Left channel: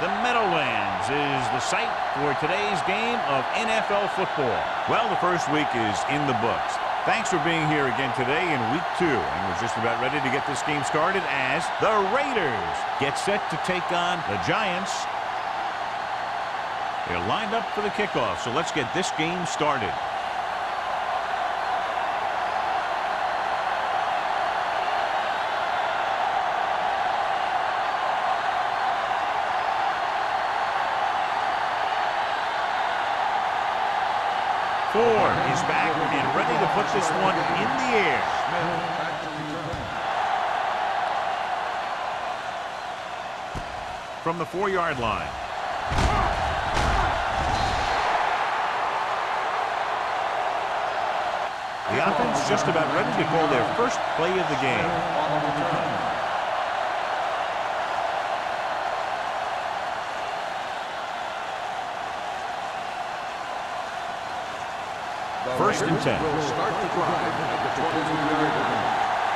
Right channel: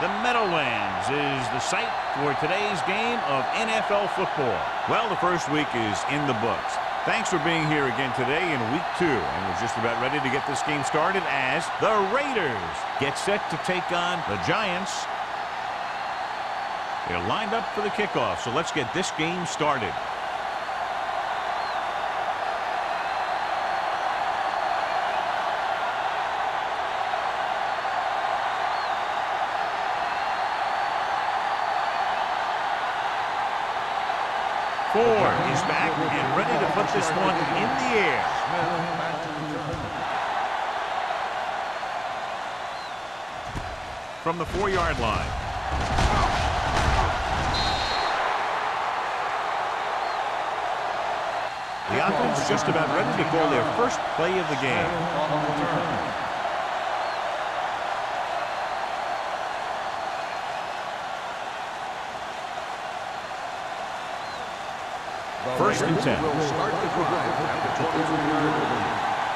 The Meadowlands is the site for today's game of NFL football. Well, the first week is in the books. Thanks for being here again today in week 2. And we're just about ready to get this game started as the Raiders get set to take on the Giants. They're lined up for the kickoff, so let's get this game started. Ford is back and ready to put this one in the air. Smith back to return. From the 4-yard line. The offense just about ready to call their first play of the game. On the return. The First and 10. Will start the drive at the 23-yard line.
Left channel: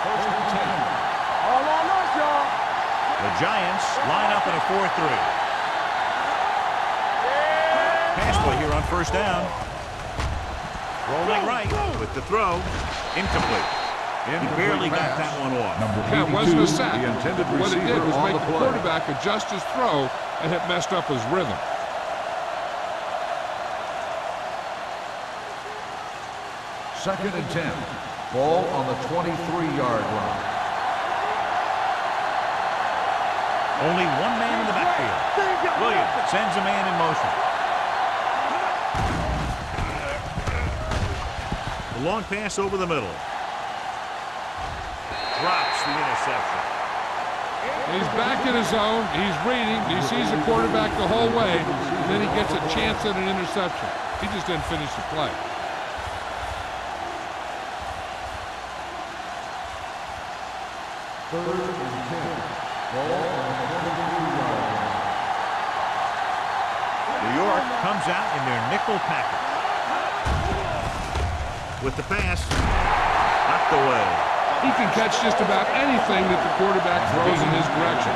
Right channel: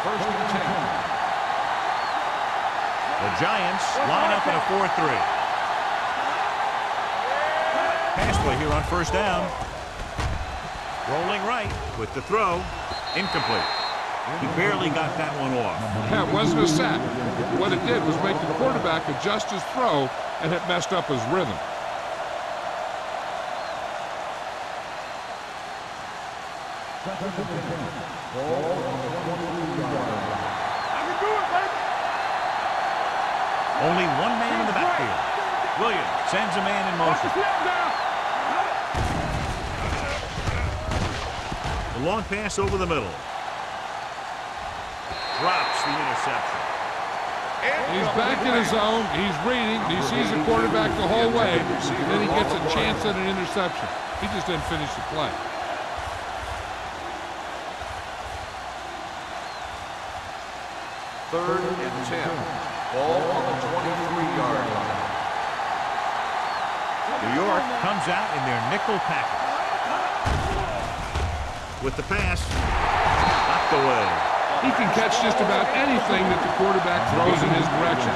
First and 10. The Giants line up in a 4-3. Pass play here on first down. Rolling right with the throw. Incomplete. He barely got that one off. Yeah, it wasn't a sack. What it did was make the quarterback adjust his throw, and it messed up his rhythm. Second and 10. Ball on the 23-yard line. Only one man in the backfield. Williams sends a man in motion. The long pass over the middle. Drops the interception. He's back in his zone. He's reading. He sees the quarterback the whole way, and then he gets a chance at an interception. He just didn't finish the play. Third and 10. Ball on the 23-yard line. New York comes out in their nickel package. With the pass, knocked away. He can catch just about anything that the quarterback throws in his direction.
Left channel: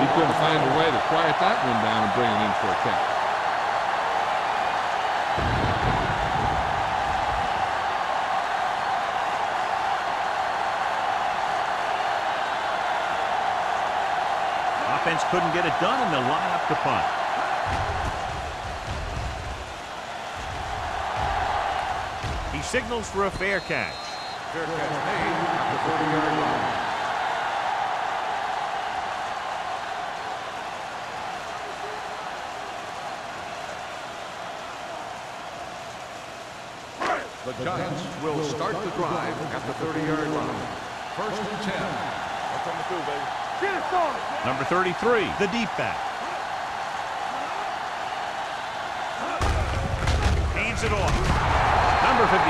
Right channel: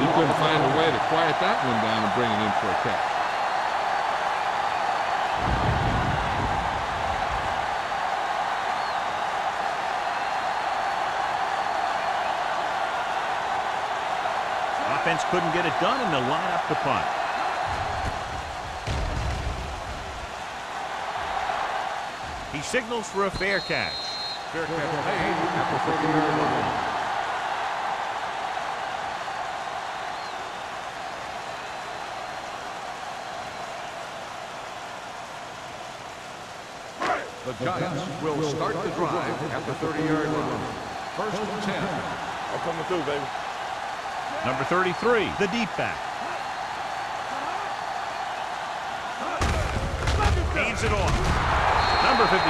He couldn't find a way to quiet that one down and bring it in for a catch. Offense couldn't get it done, and they'll line up to punt. He signals for a fair catch. Fair catch made at the 30-yard line. The Giants will start the drive at the 30-yard line. First and 10. I'm coming through, baby. Number 33, the deep back. Hands it off. Number 54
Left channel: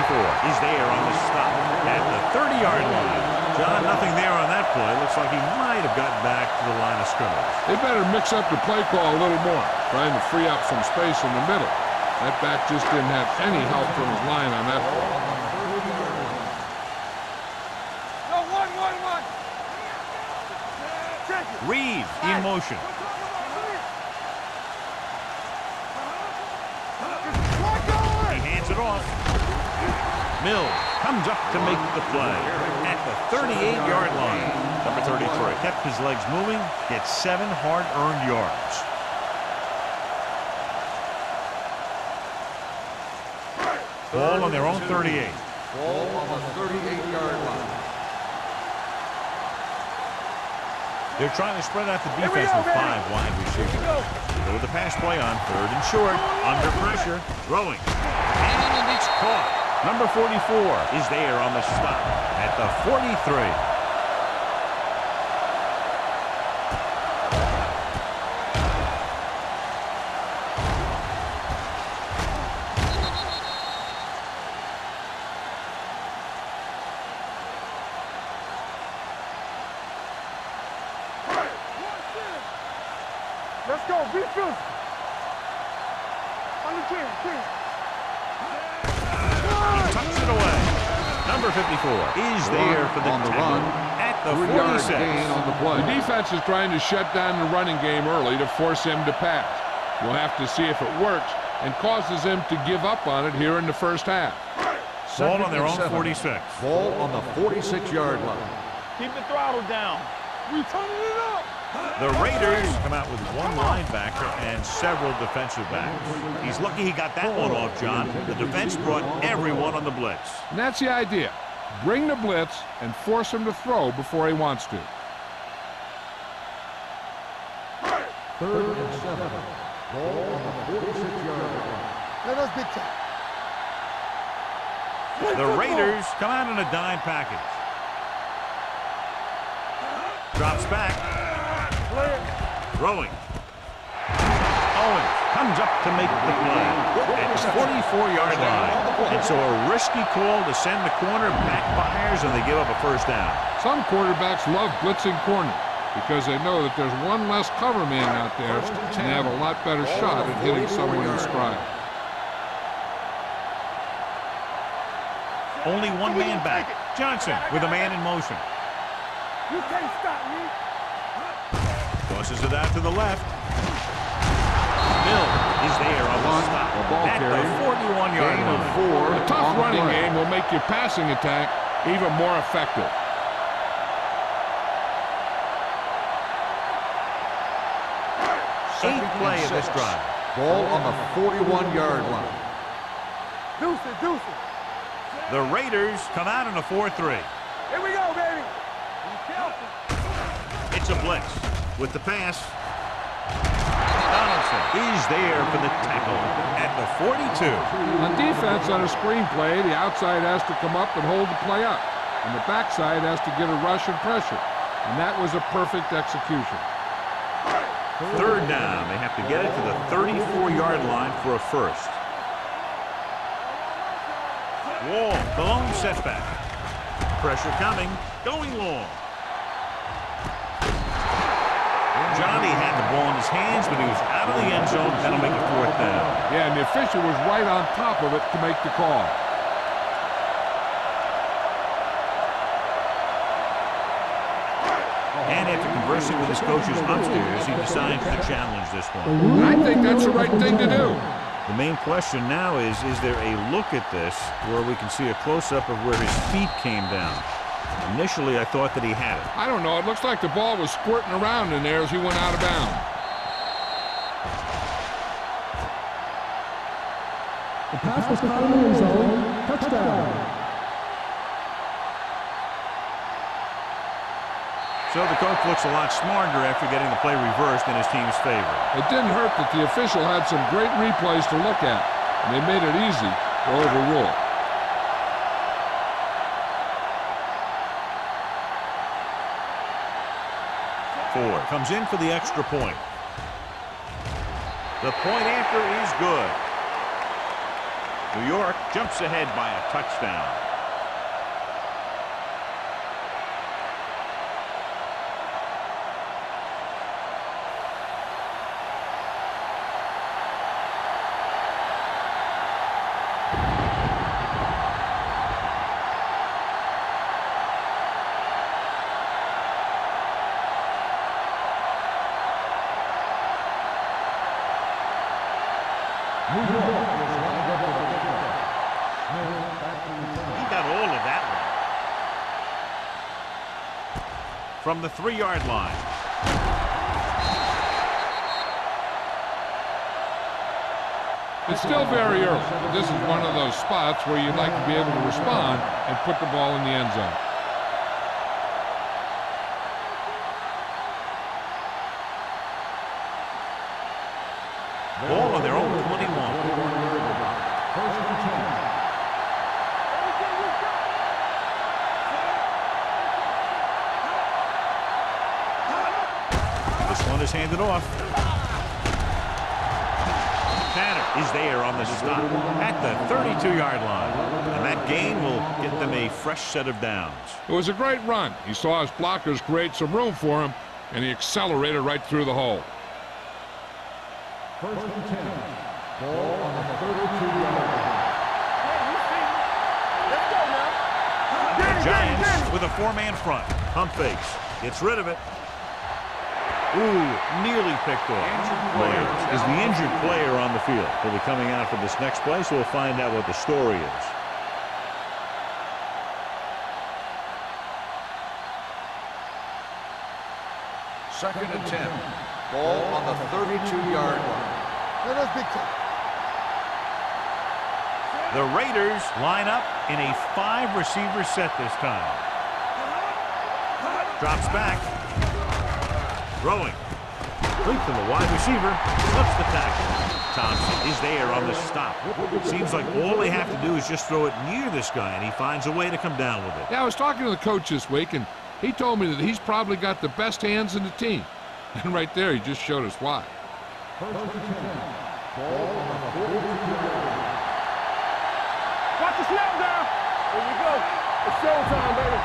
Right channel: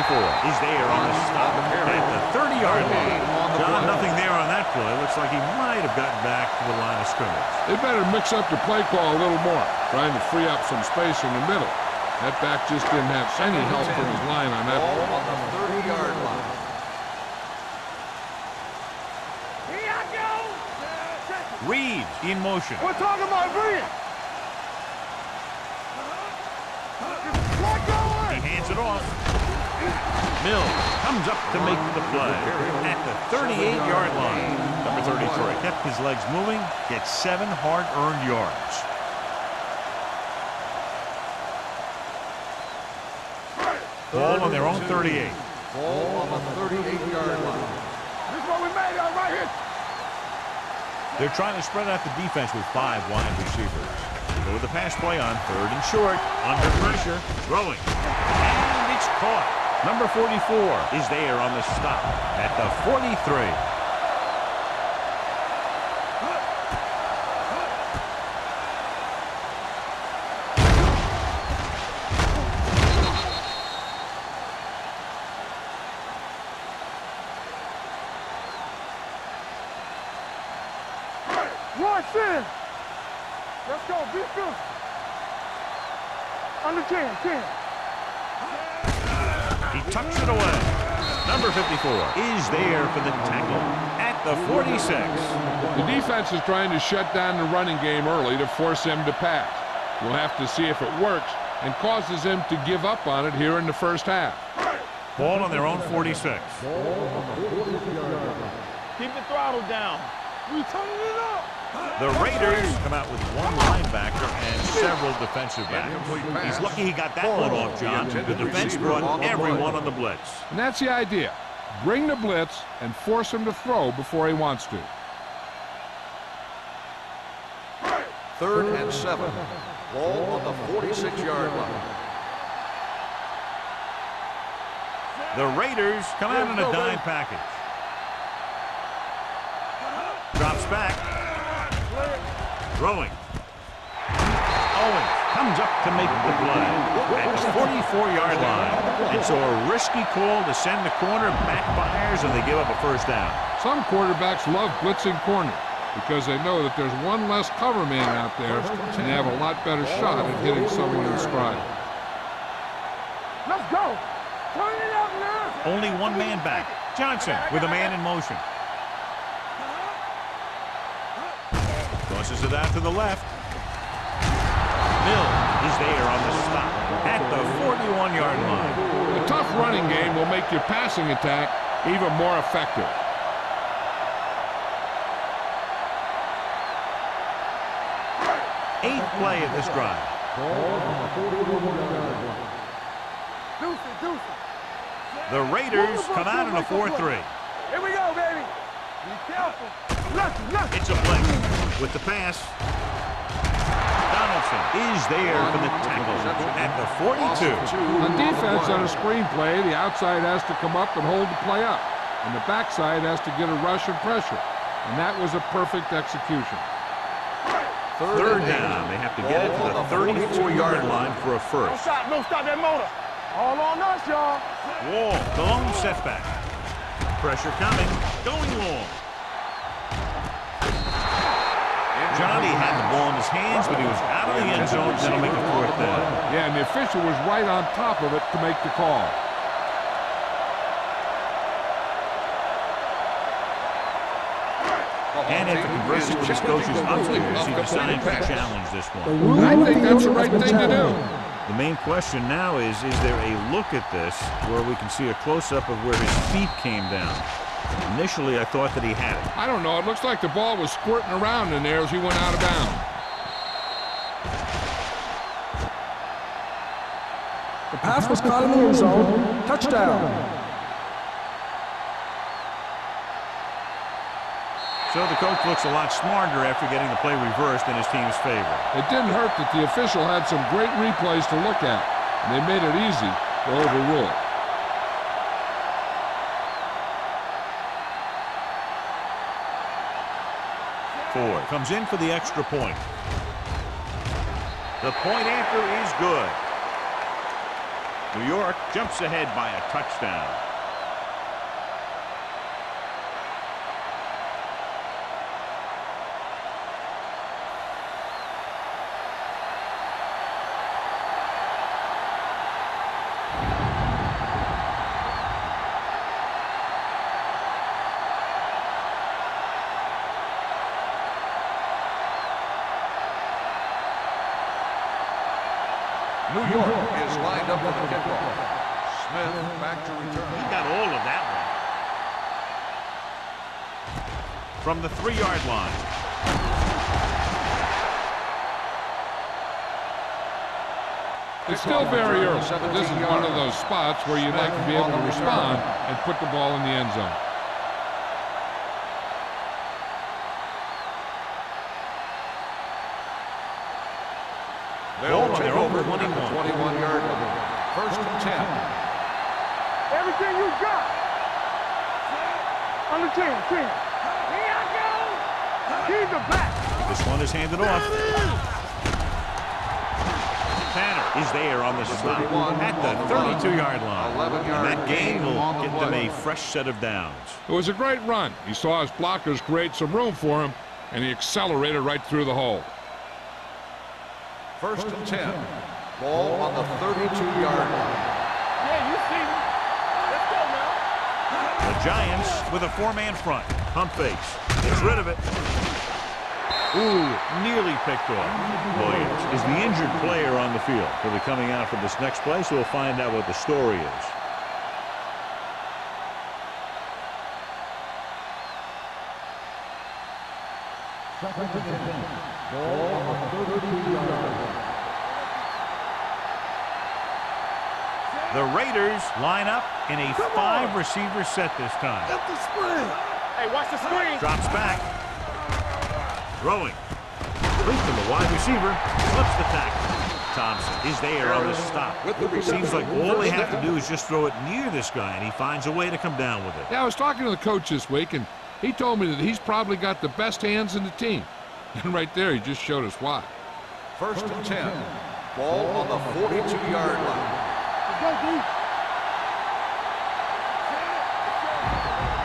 is there on the stop at the 30-yard line. John, nothing there on that play. Looks like he might have gotten back to the line of scrimmage. They better mix up the play call a little more, trying to free up some space in the middle. That back just didn't have any help from his line on that play. On the 30-yard line. Reeves in motion. He hands it off. Mills comes up to make the play at the 38-yard line. Number 33 kept his legs moving, gets 7 hard-earned yards. Ball on their own 38. Ball on the 38-yard line. They're trying to spread out the defense with 5 wide receivers. Go with the pass play on 3rd and short. Under pressure. Throwing. And it's caught. Number 44 is there on the stop at the 43. Let's go, be physical. Under 10. He tucks it away. Number 54 is there for the tackle at at the 46. The defense is trying to shut down the running game early to force him to pass. We'll have to see if it works and causes him to give up on it here in the first half. Ball on their own 46. Ball on the 46-yard line. Keep the throttle down. We turning it up. The Raiders come out with one linebacker and several defensive backs. He's lucky he got that one off, John. The defense brought everyone on the blitz. And that's the idea. Bring the blitz and force him to throw before he wants to. 3rd and 7. Ball on the 46-yard line. The Raiders come out in a dime package. Drops back. Throwing. Owens comes up to make the play at the 44-yard line. And so a risky call to send the corner backfires, and they give up a first down. Some quarterbacks love blitzing corners because they know that there's one less cover man out there and they have a lot better shot at hitting someone in stride. Let's go. Turn it up now. Only one man back. Johnson with a man in motion. You can't stop me. Tosses it out to the left. Mill is there on the stop at the 41-yard line. A tough running game will make your passing attack even more effective. Eighth play of this drive. Ball on the 41-yard line. Deuce it, deuce it. The Raiders come out in a 4-3. Here we go, baby. Be careful. Look. It's a blitz with the pass. Donaldson is there for the tackle at the 42. On defense, on a screenplay, the outside has to come up and hold the play up, and the backside has to get a rush and pressure, and that was a perfect execution. Third down. They have to get it to the 34-yard line for a first. Don't stop that motor. All on us, y'all. Wall, the lone setback. Pressure coming, going long. Johnny had the ball in his hands, but he was out of the end zone. That'll make it 4th down. Yeah, and the official was right on top of it to make the call. And after conversing with his coaches upstairs, he decides to challenge this one. And I think that's the right thing to do. The main question now is there a look at this where we can see a close-up of where his feet came down? Initially, I thought that he had it. I don't know. It looks like the ball was squirting around in there as he went out of bounds. The pass was caught in the end zone. Touchdown. So the coach looks a lot smarter after getting the play reversed in his team's favor. It didn't hurt that the official had some great replays to look at, and they made it easy to overrule it. Ford comes in for the extra point. The point after is good. New York jumps ahead by a touchdown. New York is lined up with the kickoff. Smith back to return. He got all of that one. From the 3-yard line. It's still very early, but this is one of those spots where you'd like to be able to respond and put the ball in the end zone. Ball on their own 21. 21-yard line. 1st and 10. Everything you got. On the 10. Here's the back. This one is handed off. Tanner is there on the stop at the 32-yard line. And that gain will get them a fresh set of downs. It was a great run. He saw his blockers create some room for him, and he accelerated right through the hole. 1st and 10. Ball on the 32-yard line. Yeah, you see me. Let's go now. The Giants with a four-man front. Pump fakes. Gets rid of it. Ooh, nearly picked off. Williams is the injured player on the field. He'll be coming out for this next play, so we'll find out what the story is. Second and 10. Ball on the 32-yard line. The Raiders line up in a 5-receiver set this time. Hey, watch the screen. Drops back. Throwing. Complete to the wide receiver. Slips the tackle. Thompson is there on the stop. Seems like all they have to do is just throw it near this guy, and he finds a way to come down with it. Yeah, I was talking to the coach this week, and he told me that he's probably got the best hands in the team. And right there, he just showed us why. First and 10. Ball on the 42-yard line. Watch the snap down. There you go. It's showtime, baby.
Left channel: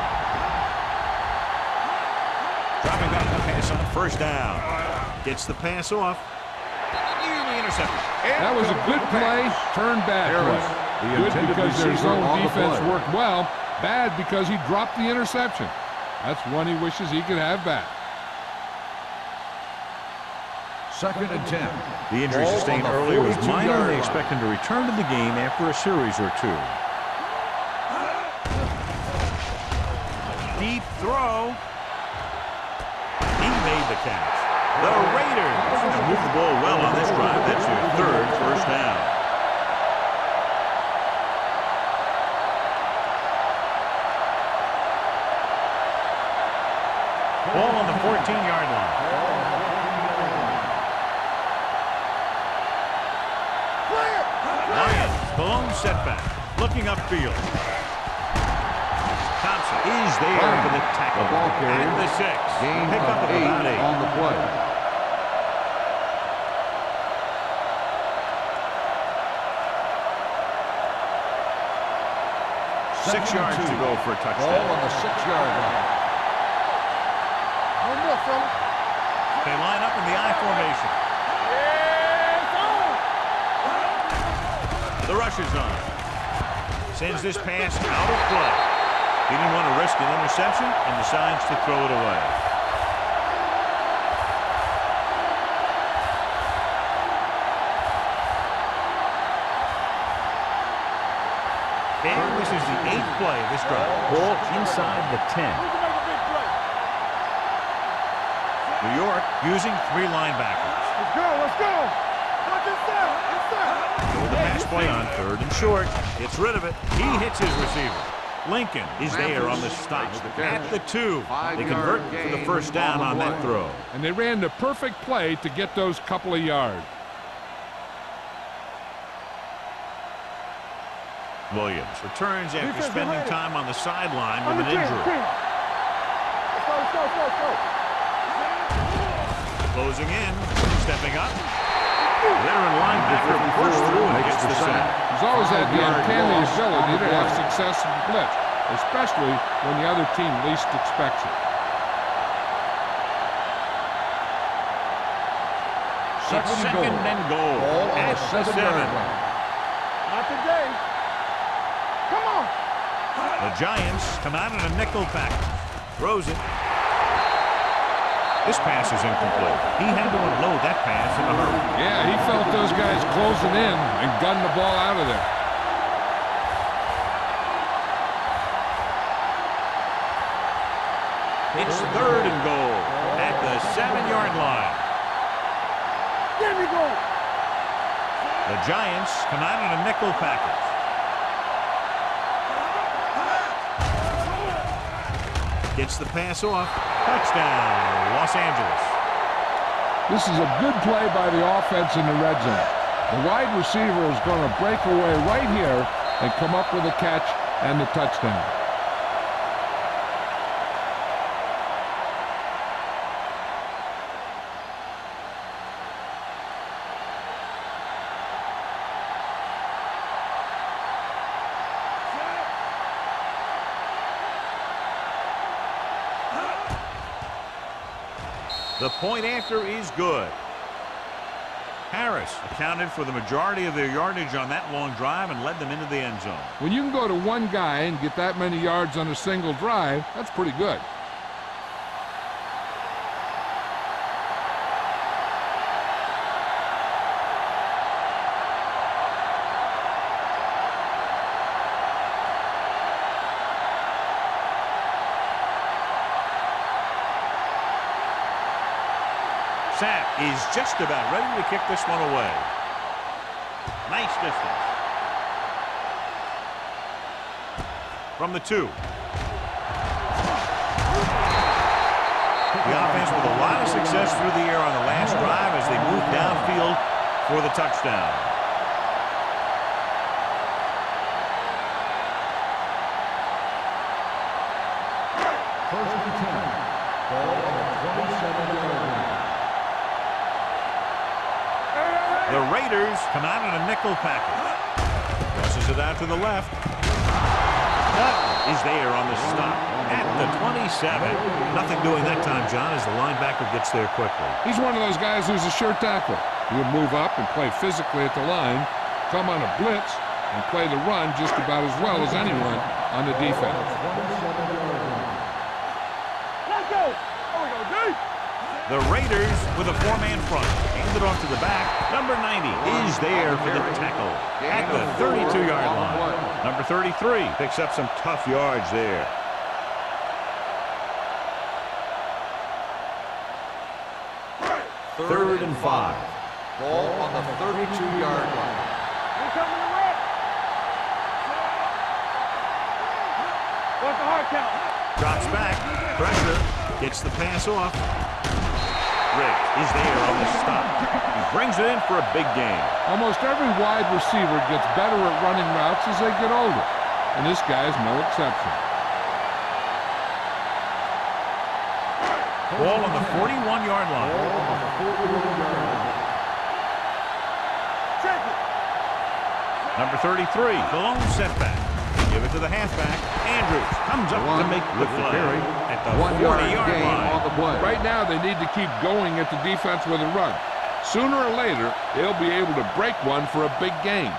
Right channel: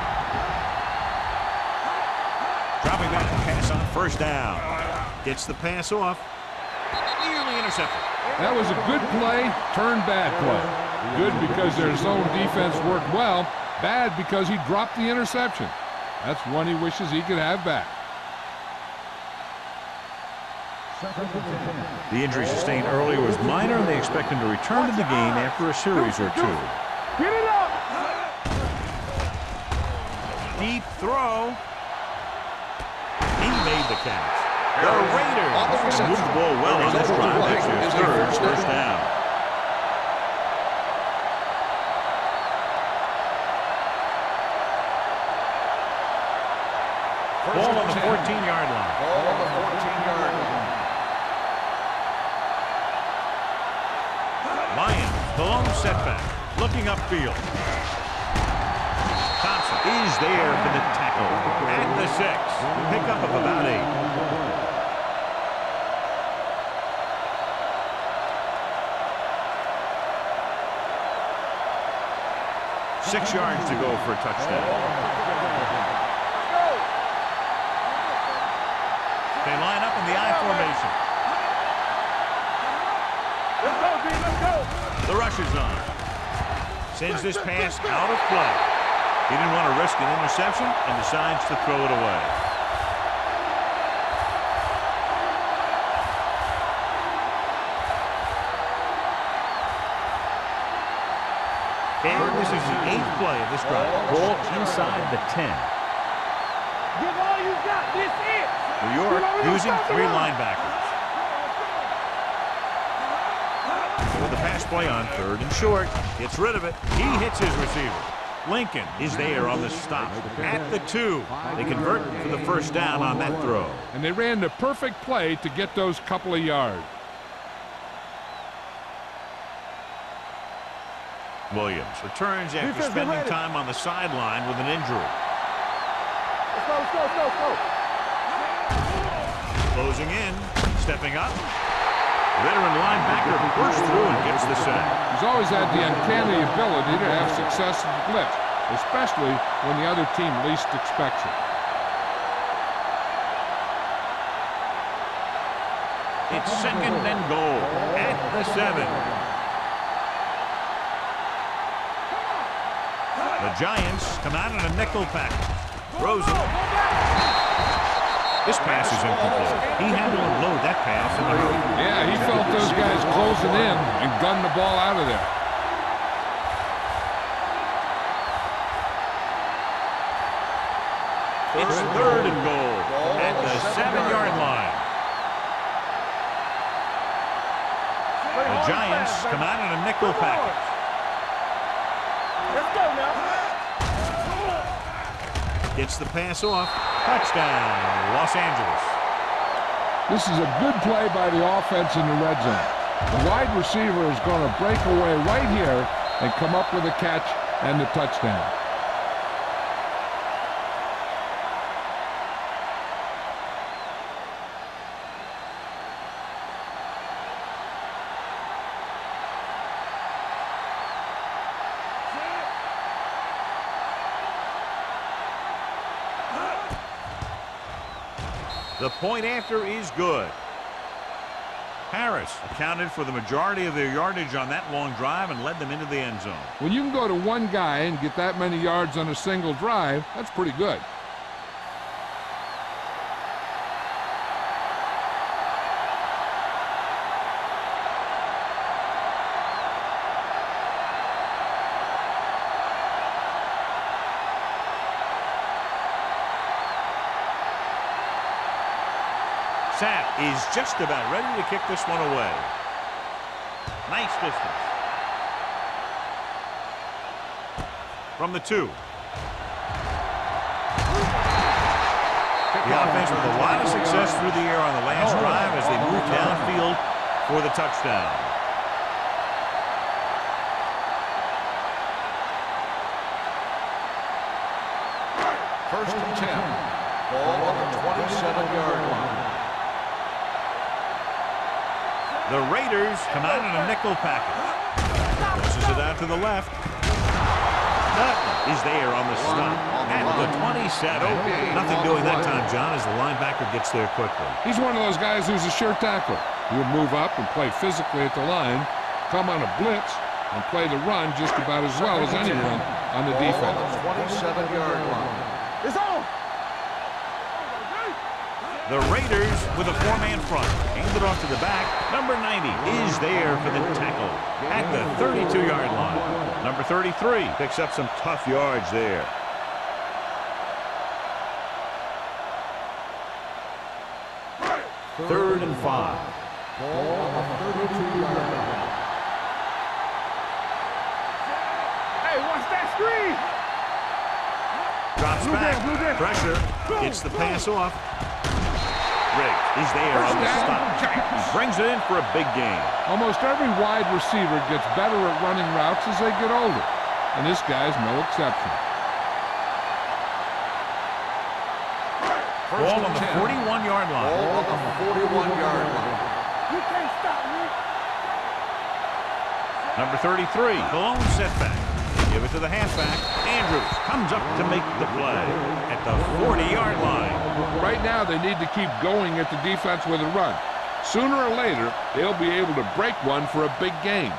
Dropping back to pass on first down. Gets the pass off. Nearly intercepted. That was a good play, turned bad play. Good because their zone defense worked well. Bad because he dropped the interception. That's one he wishes he could have back. Second and 10. The injury sustained earlier was minor, and they expect him to return to the game after a series or two. Deep throw. He made the catch. The Raiders have moved the ball well on this drive. That's their third first down. Ball on the 14-yard line. Lions, the lone setback, looking upfield. Thompson is there for the tackle at the 6. Pickup of about 8. On the play. Six yards to go for a touchdown. On the 6-yard line. No more, fella. They line up in the I formation. The rush is on. Sends this pass out of play. He didn't want to risk an interception and decides to throw it away. And this is the 8th play of this drive. Ball inside the 10. New York using 3 linebackers. With the pass play on 3rd and short, gets rid of it. He hits his receiver. Lincoln is there on the stop at the 2. They convert for the first down on that throw. And they ran the perfect play to get those couple of yards. Williams returns after spending time on the sideline with an injury. Let's go. Closing in, stepping up. Veteran linebacker bursts through and gets the sack. He's always had the uncanny ability to have success in blitz, especially when the other team least expects it. It's 2nd and goal at the 7. Not today. Come on. The Giants come out in a nickel package. Throws it. This pass is incomplete. He had to unload that pass in a hurry. Yeah, he felt those guys closing in and gunned the ball out of there. It's 3rd and goal at the 7-yard line. The Giants come out in a nickel package. Gets the pass off. Touchdown, Los Angeles. This is a good play by the offense in the red zone. The wide receiver is going to break away right here and come up with a catch and the touchdown. The point after is good. Harris accounted for the majority of their yardage on that long drive and led them into the end zone. When you can go to one guy and get that many yards on a single drive, that's pretty good. Sapp is just about ready to kick this one away. Nice distance. From the 2. The offense with a lot of success through the air on the last drive as they move downfield for the touchdown. First and 10. Ball on the 27-yard line. The Raiders come out in a nickel package. Crosses it out to the left. Nutton is there on the stop at the 27. Nothing doing that time, John, as the linebacker gets there quickly. He's one of those guys who's a sure tackler. He'll move up and play physically at the line, come on a blitz, and play the run just about as well as anyone on the defense. 27-yard line. It's on. Let's go. Oh, we go deep. The Raiders with a 4-man front. Hand it off to the back. Number 90 is there for the tackle at the 32-yard line. Number 33 picks up some tough yards there. Third and 5. Ball on the 32-yard line. Hey, watch that screen. Watch the hard count. Drops back. Pressure. Gets the pass off. Riggs is there on the stop. He brings it in for a big gain. Almost every wide receiver gets better at running routes as they get older, and this guy's no exception. Ball on the 41-yard line. Ball on the 41-yard line. You can't stop me. Check it. Number 33, the lone setback. Give it to the halfback. Andrews comes up to make the play at the 40-yard line. Right now, they need to keep going at the defense with a run. Sooner or later, they'll be able to break one for a big gain.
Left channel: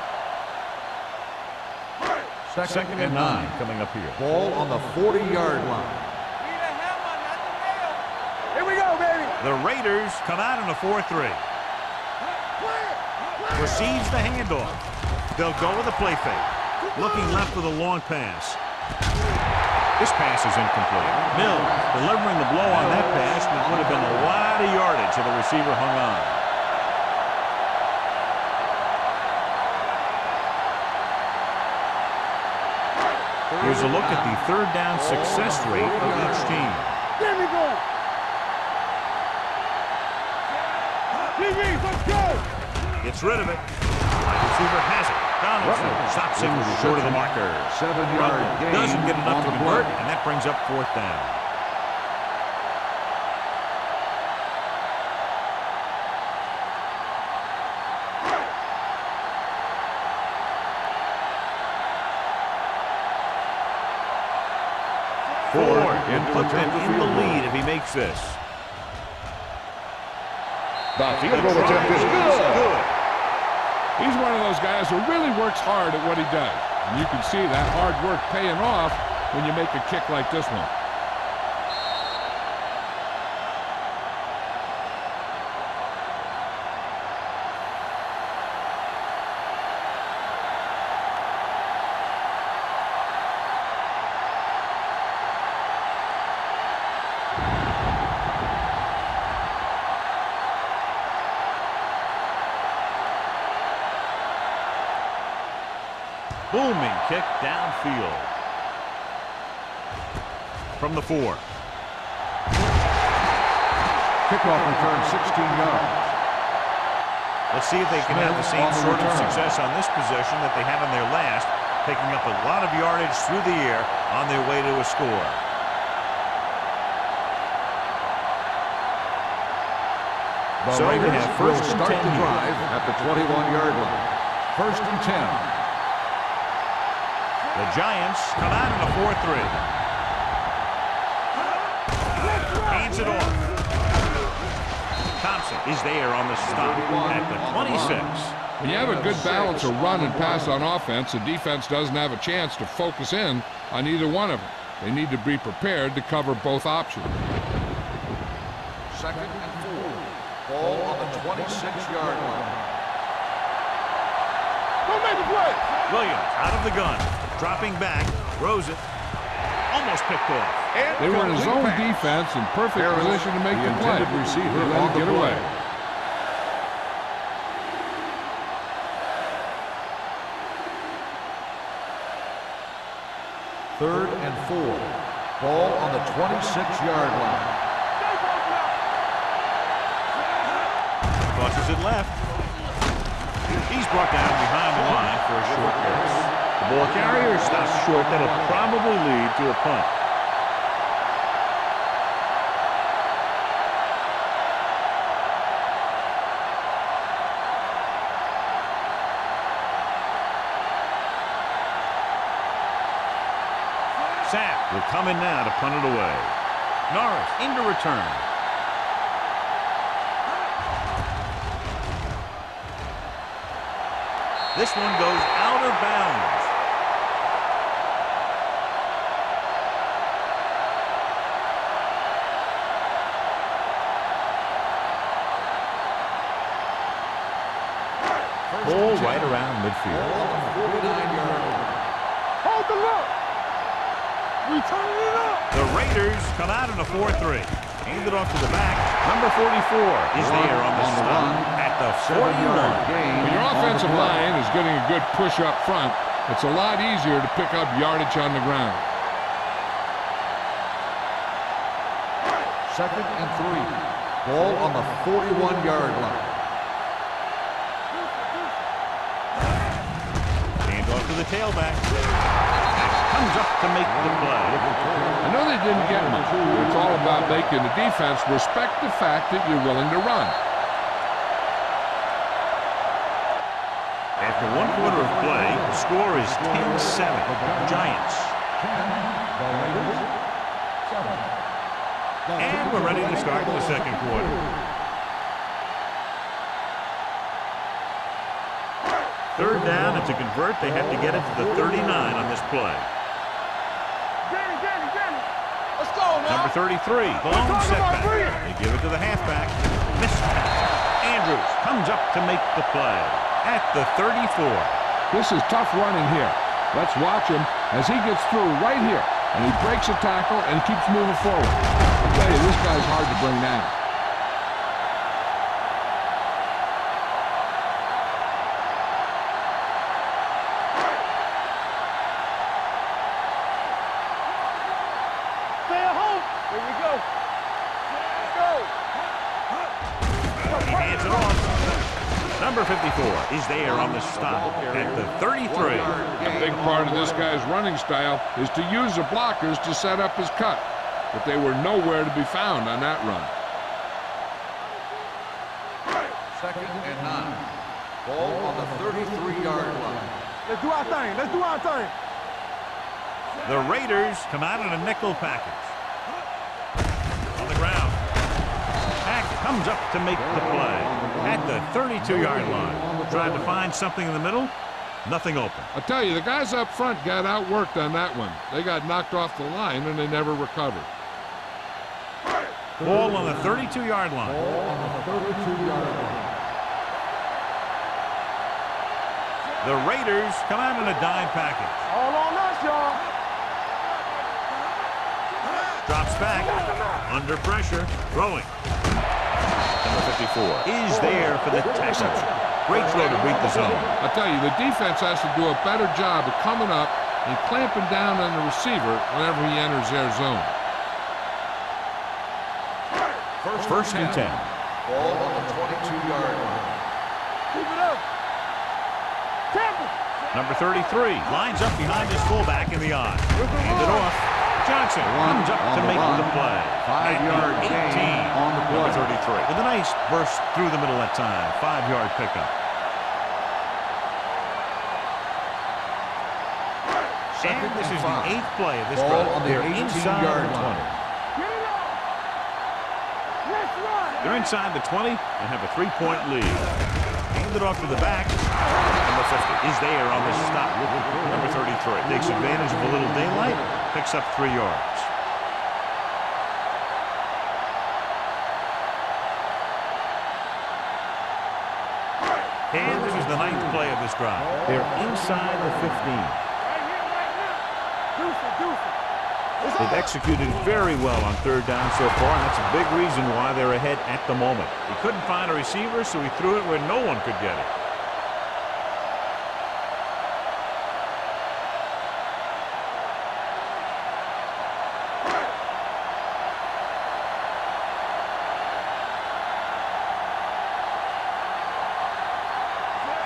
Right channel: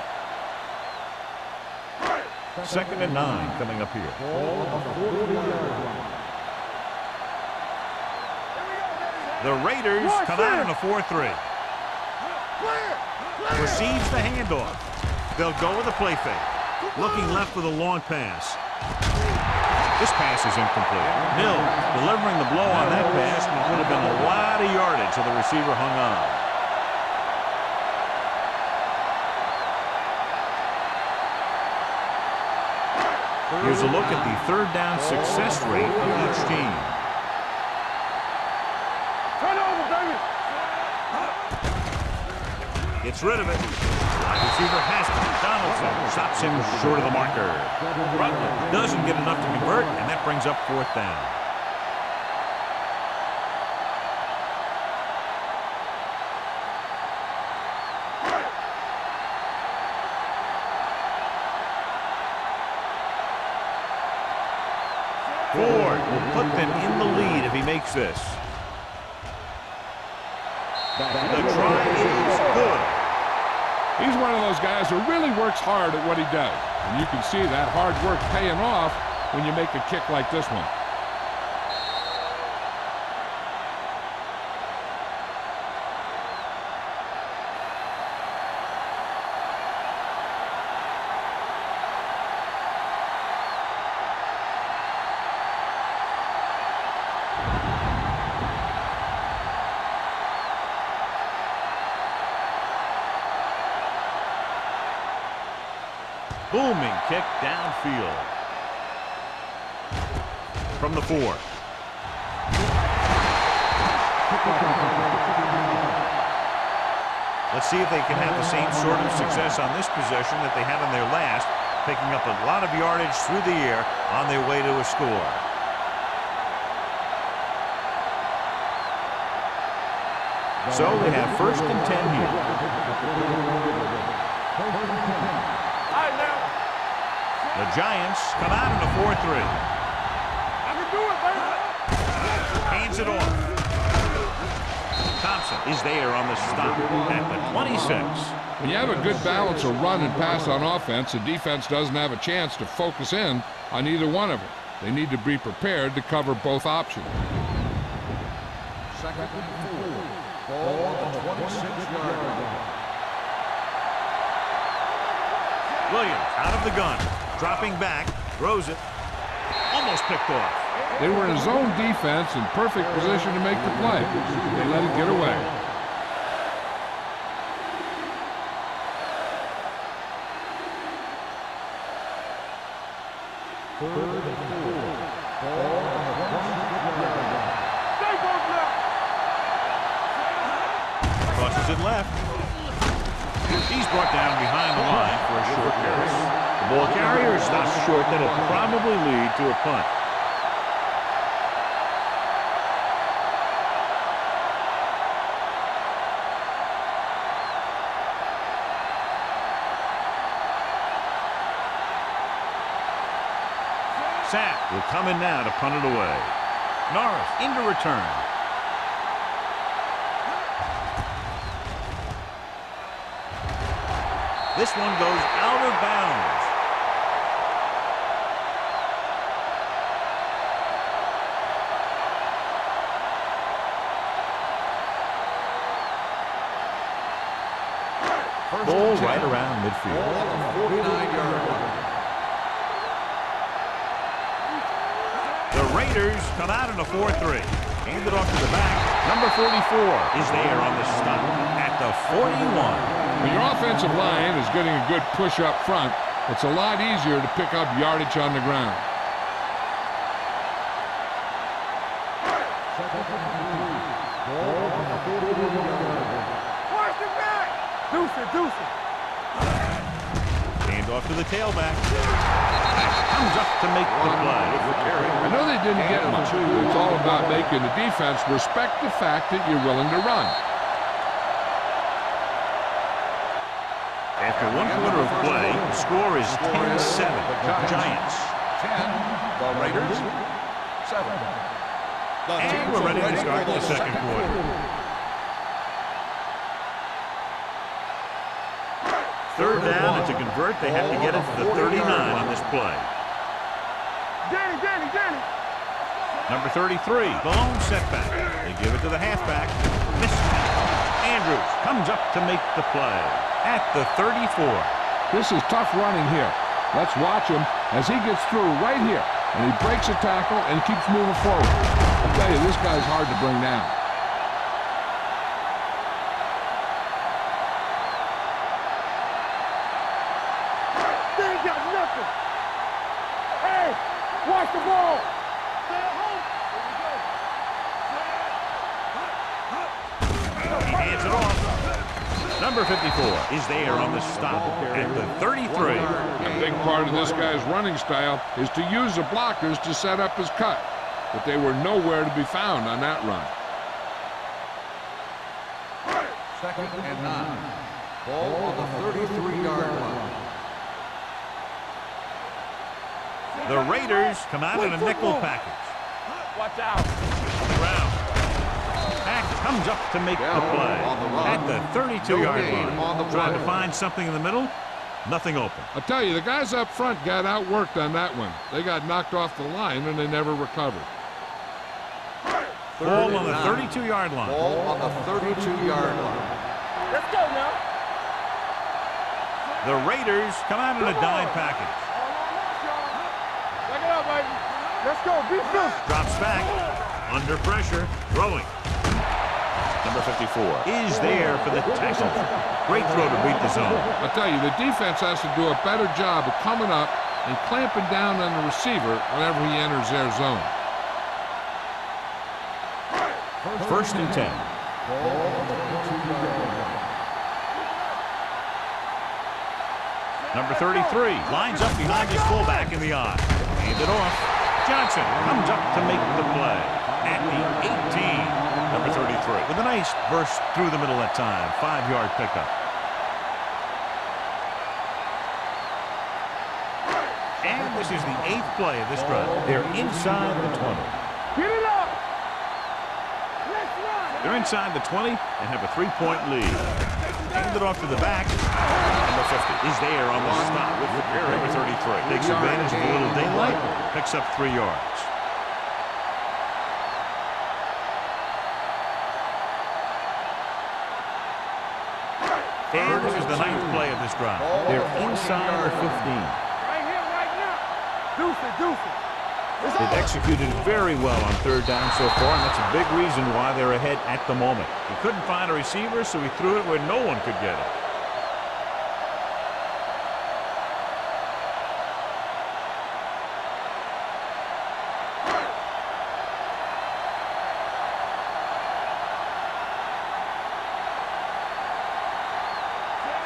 Second and 9 coming up here. Ball on the 40-yard line. Here we go, baby. The Raiders come out in a 4-3. Receives the handoff. They'll go with a play fake. Looking left with a long pass. This pass is incomplete. Mills delivering the blow on that pass, and it would have been a lot of yardage if the receiver hung on. Here's a look at the third down success rate of each team. There we go. Turn over, baby. Let's go. Gets rid of it. Wide receiver has it. Donaldson stops him short of the marker. Rutland doesn't get enough to convert, and that brings up fourth down. Ford can put them in the lead if he makes this. The try is good. He's one of those guys who really works hard at what he does. And you can see that hard work paying off when you make a kick like this one. Booming kick downfield. From the 4. Kickoff return 16 yards. Let's see if they can have the same sort of success on this possession that they had on their last, picking up a lot of yardage through the air on their way to a score. So we have first and 10 here. At the 21-yard line. First and 10. The Giants come out in a 4-3. Hands it off. Thompson is there on the stop at the 26. When you have a good balance of run and pass on offense, the defense doesn't have a chance to focus in on either one of them. They need to be prepared to cover both options. 2nd and 4. Ball on the 26-yard line. Williams out of the gun, dropping back, throws it, almost picked off. They were in a zone defense in perfect position to make the play. They let it get away. Third and 4. Ball on the 26-yard line. Crosses it left. He's brought down behind the line for a short pass. The ball carrier stops short. That'll probably lead to a punt. Sapp will come in now to punt it away. Norris into return. This one goes out of bounds. Ball right around midfield. Ball on the 49-yard line. Hold the look. The Raiders come out in a 4-3. Handed off to the back. Number 44 is there on the stop at the 41. When your offensive line is getting a good push up front, it's a lot easier to pick up yardage on the ground. 2nd and 3. Ball on the 41-yard line. Hand off to the tailback. Comes up to make the play. I know they didn't get much, but it's all about making the defense respect the fact that you're willing to run. After 1 quarter of play, the score is 10-7. Giants. 10. The Raiders. 7. And we're ready to start the second quarter. Third down, and to convert, they have to get it to the 39 on this play. Danny. Let's go. Number 33, the lone setback. They give it to the halfback. Missed. Andrews comes up to make the play at the 34. This is tough running here. Let's watch him as he gets through right here. And he breaks a tackle and keeps moving forward. I'll tell you, this guy's hard to bring down. Number 54 is there on the stop at the 33. A big part of this guy's running style is to use the blockers to set up his cut, but they were nowhere to be found on that run. 2nd and 9. Ball on the 33-yard line. Let's do our thing. The Raiders come out in a nickel package. On the ground. Hackett comes up to make the play at the 32-yard line. Trying to find something in the middle. Nothing open. I tell you, the guys up front got outworked on that one. They got knocked off the line and they never recovered. Ball on the 32-yard line. Ball on the 32-yard line. Let's go now. The Raiders come out in a dime package. All on us, y'all. Check it out, baby. Let's go. Be good. Drops back. Under pressure. Throwing. Number 54 is there for the tackle. Great throw to beat the zone. I tell you, the defense has to do a better job of coming up and clamping down on the receiver whenever he enters their zone. First and 10. Ball on the 22-yard line. Keep it up. Number 33 lines up behind his fullback in the eye. Hand it off. Johnson comes up to make the play at the 18. Number 33 with a nice burst through the middle that time. 5-yard pickup. And this is the 8th play of this drive. They're inside the 20. Get it up. Let's They're inside the 20 and have a 3-point lead. Hand it off to the back. Number 50 is there on the stop. Number 33 takes advantage of a little daylight, picks up 3 yards. And this is the 9th play of this drive. They're inside the 15. Right here, right now. Deuce it, deuce it. They've executed very well on 3rd down so far, and that's a big reason why they're ahead at the moment. He couldn't find a receiver, so he threw it where no one could get it.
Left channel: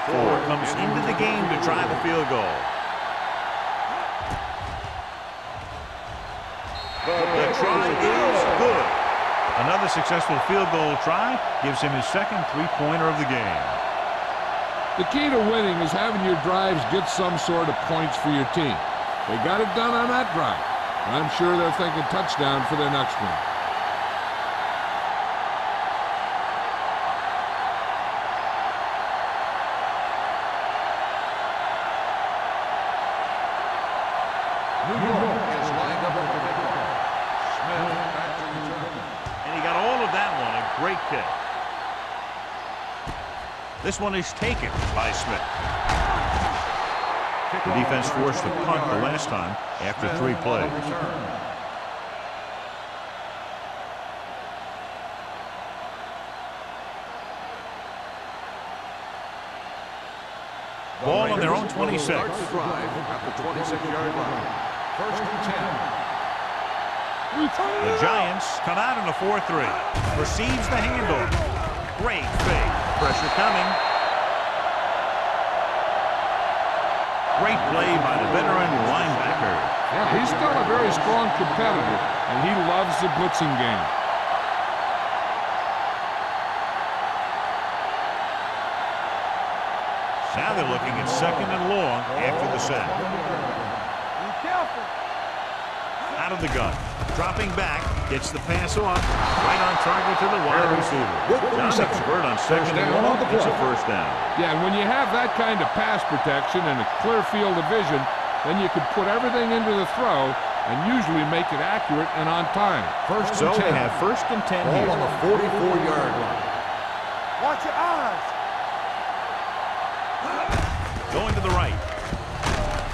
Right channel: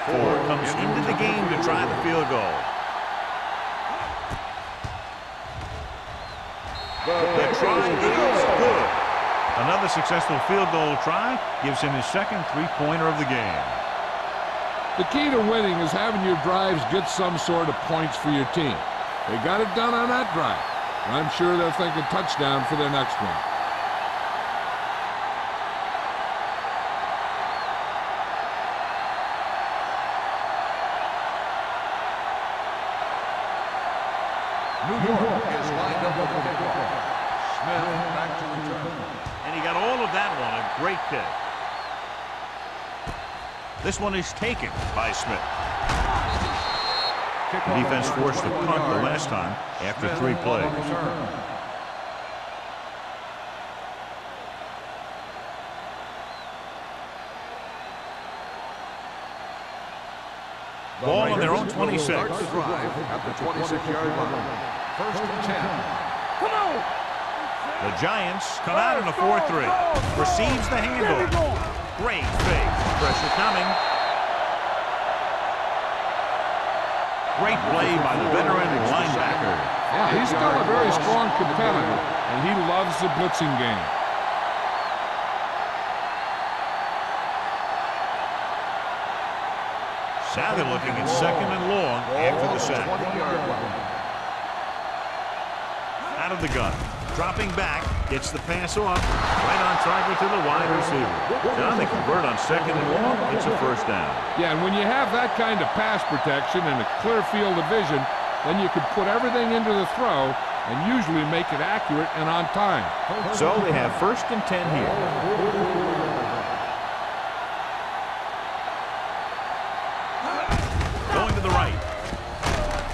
Ford comes into the game to try the field goal. The try is good. Another successful field goal try gives him his second 3-pointer of the game. The key to winning is having your drives get some sort of points for your team. They got it done on that drive. I'm sure they're thinking touchdown for their next one. New York is lined up with the kickoff. Smith back to return. And he got all of that one. A great kick. This one is taken by Smith. The defense forced a punt the last time after 3 plays. Ball on their own 26. Start the drive at the 26-yard line. 1st and 10. The Giants come out in a 4-3. Receives the handoff. Great fake. Pressure coming. Great play by the veteran linebacker. Yeah, he's still a very strong competitor, and he loves the blitzing game. Now they're looking at 2nd and long after the sack. Out of the gun. Dropping back. Gets the pass off. Right on target to the wide receiver. John, they convert on 2nd and long. It's a 1st down. Yeah, and when you have that kind of pass protection and a clear field of vision, then you can put everything into the throw and usually make it accurate and on time. So they have 1st and 10 here. On the 44-yard line. Watch your eyes. Going to the right.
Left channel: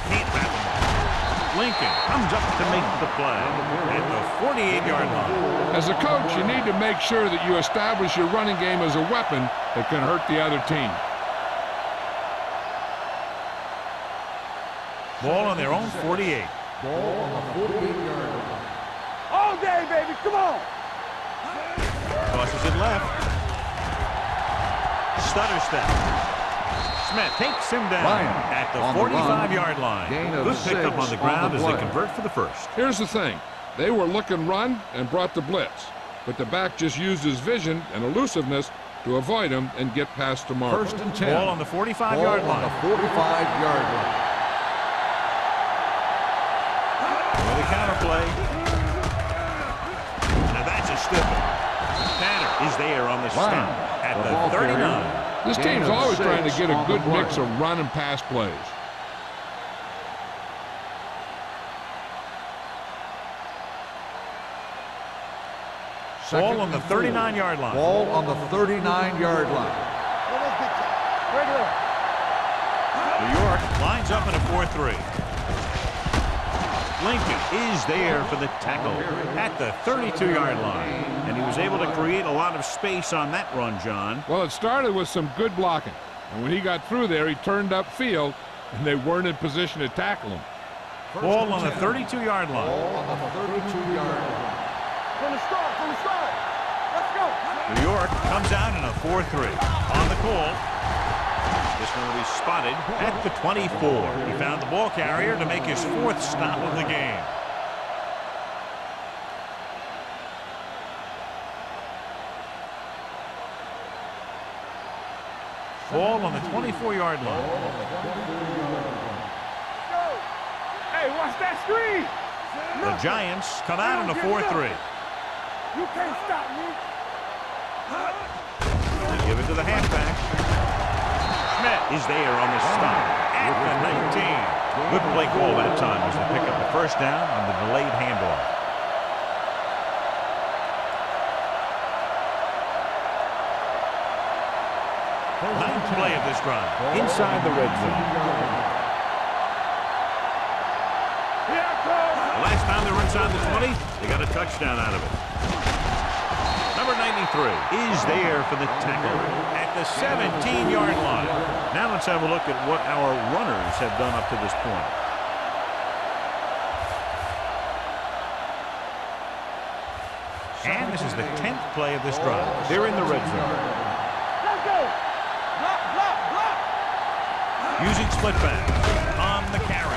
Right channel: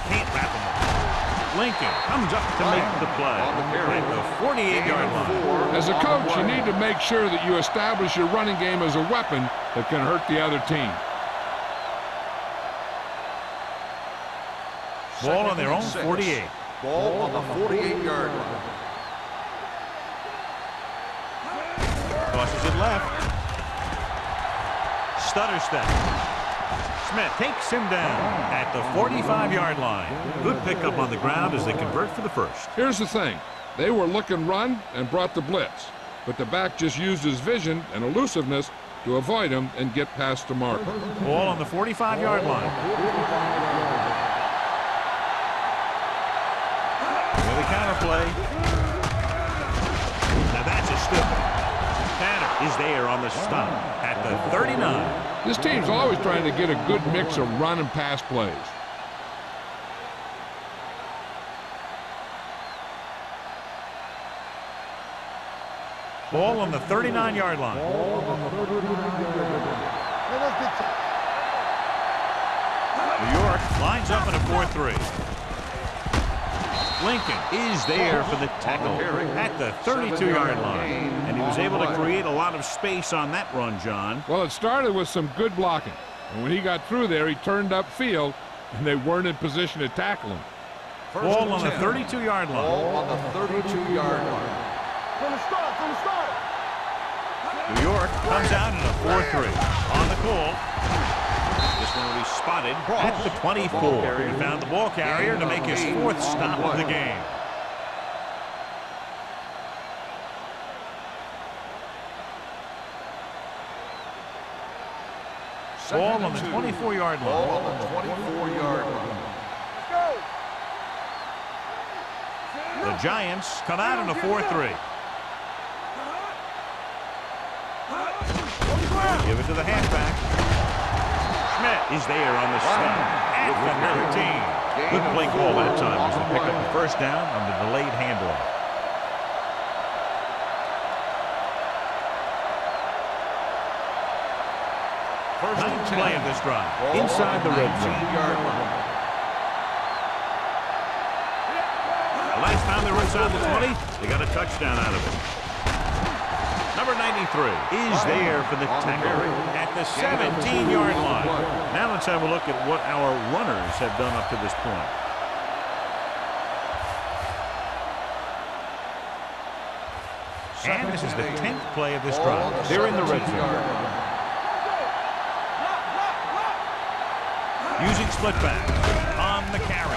Can't wrap him up. Lincoln comes up to make the play at the 48-yard line. As a coach, you need to make sure that you establish your running game as a weapon that can hurt the other team. Ball on their own 48. Ball on the 48-yard line. All day, baby. Come on. Tosses it left. Stutter step. Smith takes him down at the 45-yard line. Good pickup on the ground as they convert for the 1st. Here's the thing. They were looking run and brought the blitz, but the back just used his vision and elusiveness to avoid him and get past the mark. Ball on the 45-yard line. 45-yard line. With a counterplay. Now that's a stiff one. Tanner is there on the stop at the 39. This team's always trying to get a good mix of run and pass plays. Ball on the 39-yard line. Ball on the 39-yard line. New York lines up in a 4-3. Lincoln is there for the tackle at the 32-yard line. And he was able to create a lot of space on that run, John. Well, it started with some good blocking. And when he got through there, he turned upfield, and they weren't in position to tackle him. Ball on the 32-yard line. Ball on the 32-yard line. From the start, from the start. Let's go. New York comes out in a 4-3. On the call. This one will be spotted at the 24. He found the ball carrier to make his 4th stop of the game. Ball on the 24-yard line. Ball on the 24-yard line. Let's go. Hey, watch that screen. The Giants come out in a 4-3. You can't stop me. They give it to the halfback. Schmidt is there on the stop at the 19. Good play call that time as they pick up the first down on the delayed handoff. Ninth play of this drive inside the red zone. The last time they were inside the 20, they got a touchdown out of it. Number 93 is there for the tackle at the 17-yard line. Now let's have a look at what our runners have done up to this point. And this is the 10th play of this drive. They're in the red zone. Using split back on the carry.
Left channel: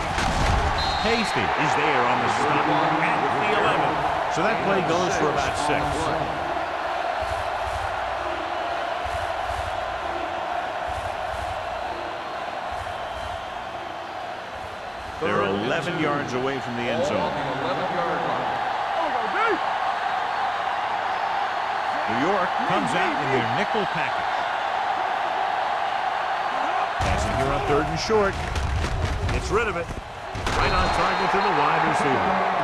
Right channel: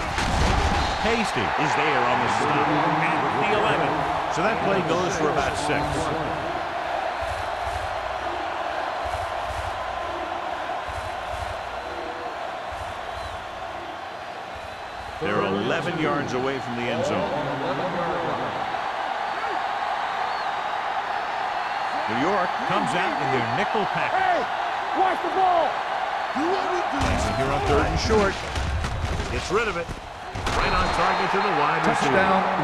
Hasty is there on the stop at the 11. So that play goes for about 6. They're 11 yards away from the end zone. New York comes out in their nickel package. Passing here on 3rd and short. Gets rid of it. Right on target to the wide receiver.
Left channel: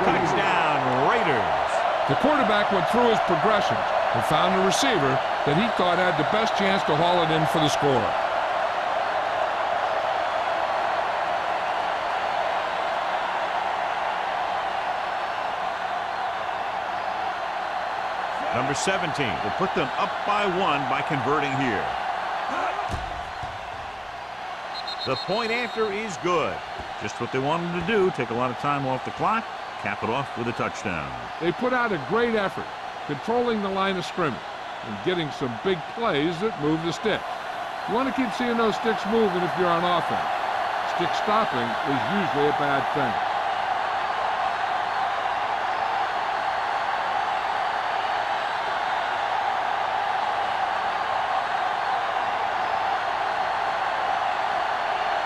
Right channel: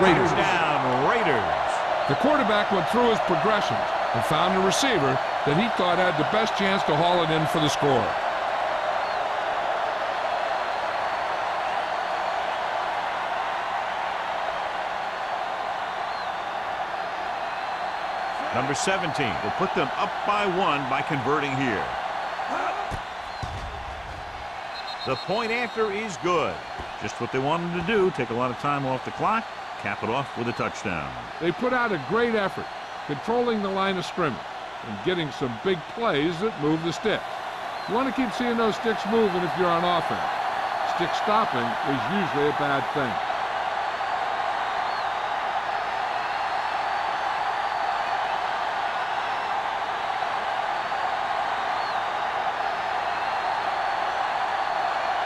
Touchdown, Raiders. The quarterback went through his progressions and found a receiver that he thought had the best chance to haul it in for the score. Number 17 will put them up by 1 by converting here. The point after is good. Just what they wanted to do, take a lot of time off the clock, cap it off with a touchdown. They put out a great effort, controlling the line of scrimmage and getting some big plays that move the sticks. You want to keep seeing those sticks moving if you're on offense. Stick stopping is usually a bad thing.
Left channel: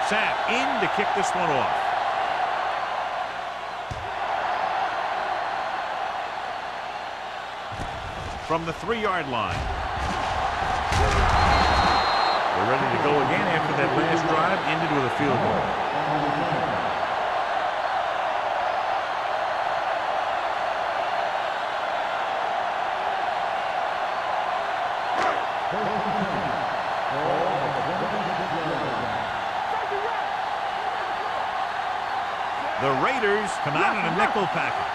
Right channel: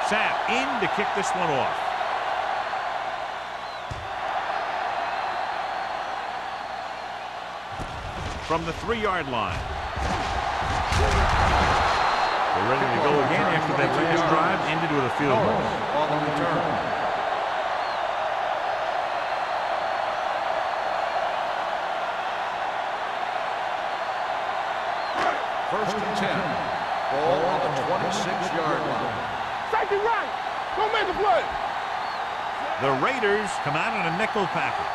Sapp in to kick this one off. From the 3-yard line. They're ready to go again after that last drive ended with a field goal. First and 10. Ball on the 26-yard line. Right. Don't make it play. The Raiders come out in a nickel package.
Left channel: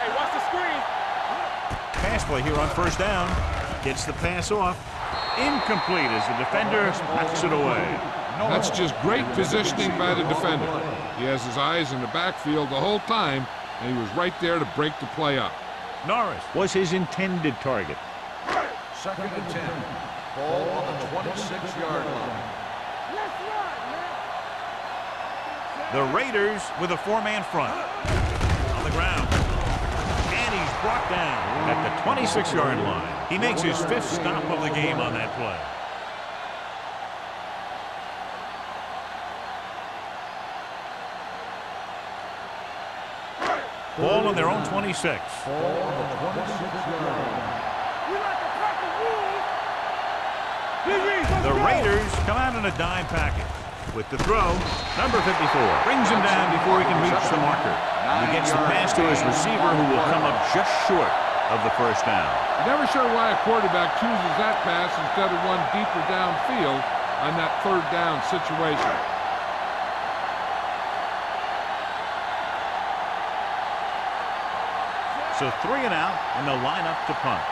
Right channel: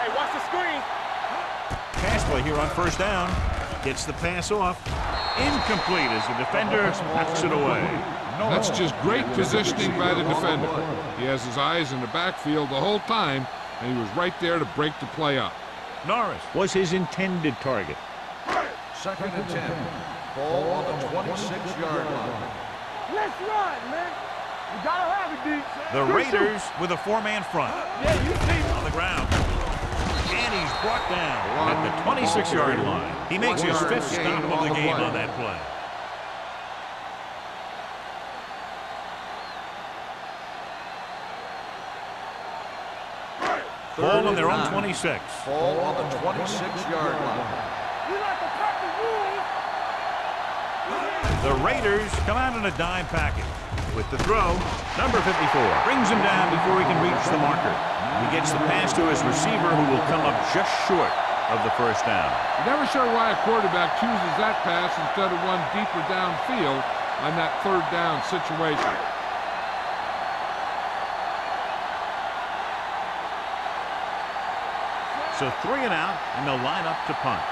Hey, watch the screen. Pass play here on 1st down. Gets the pass off. Incomplete as the defender knocks it away. That's just great positioning by the defender. He has his eyes in the backfield the whole time, and he was right there to break the play up. Norris was his intended target. 2nd and 10. Ball on the 26-yard line. Let's run, man. You gotta have it, D. The Raiders with a 4-man front. On the ground. And he's brought down at the 26-yard line. He makes his 5th stop of the game on that play. Ball on their own 26. Ball on the 26-yard line. We like to pack the rules. The Raiders come out in a dime package. With the throw, number 54 brings him down before he can reach the marker. He gets the pass to his receiver, who will come up just short of the 1st down. You're never sure why a quarterback chooses that pass instead of one deeper downfield on that 3rd down situation. So 3 and out, and they'll line up to punt.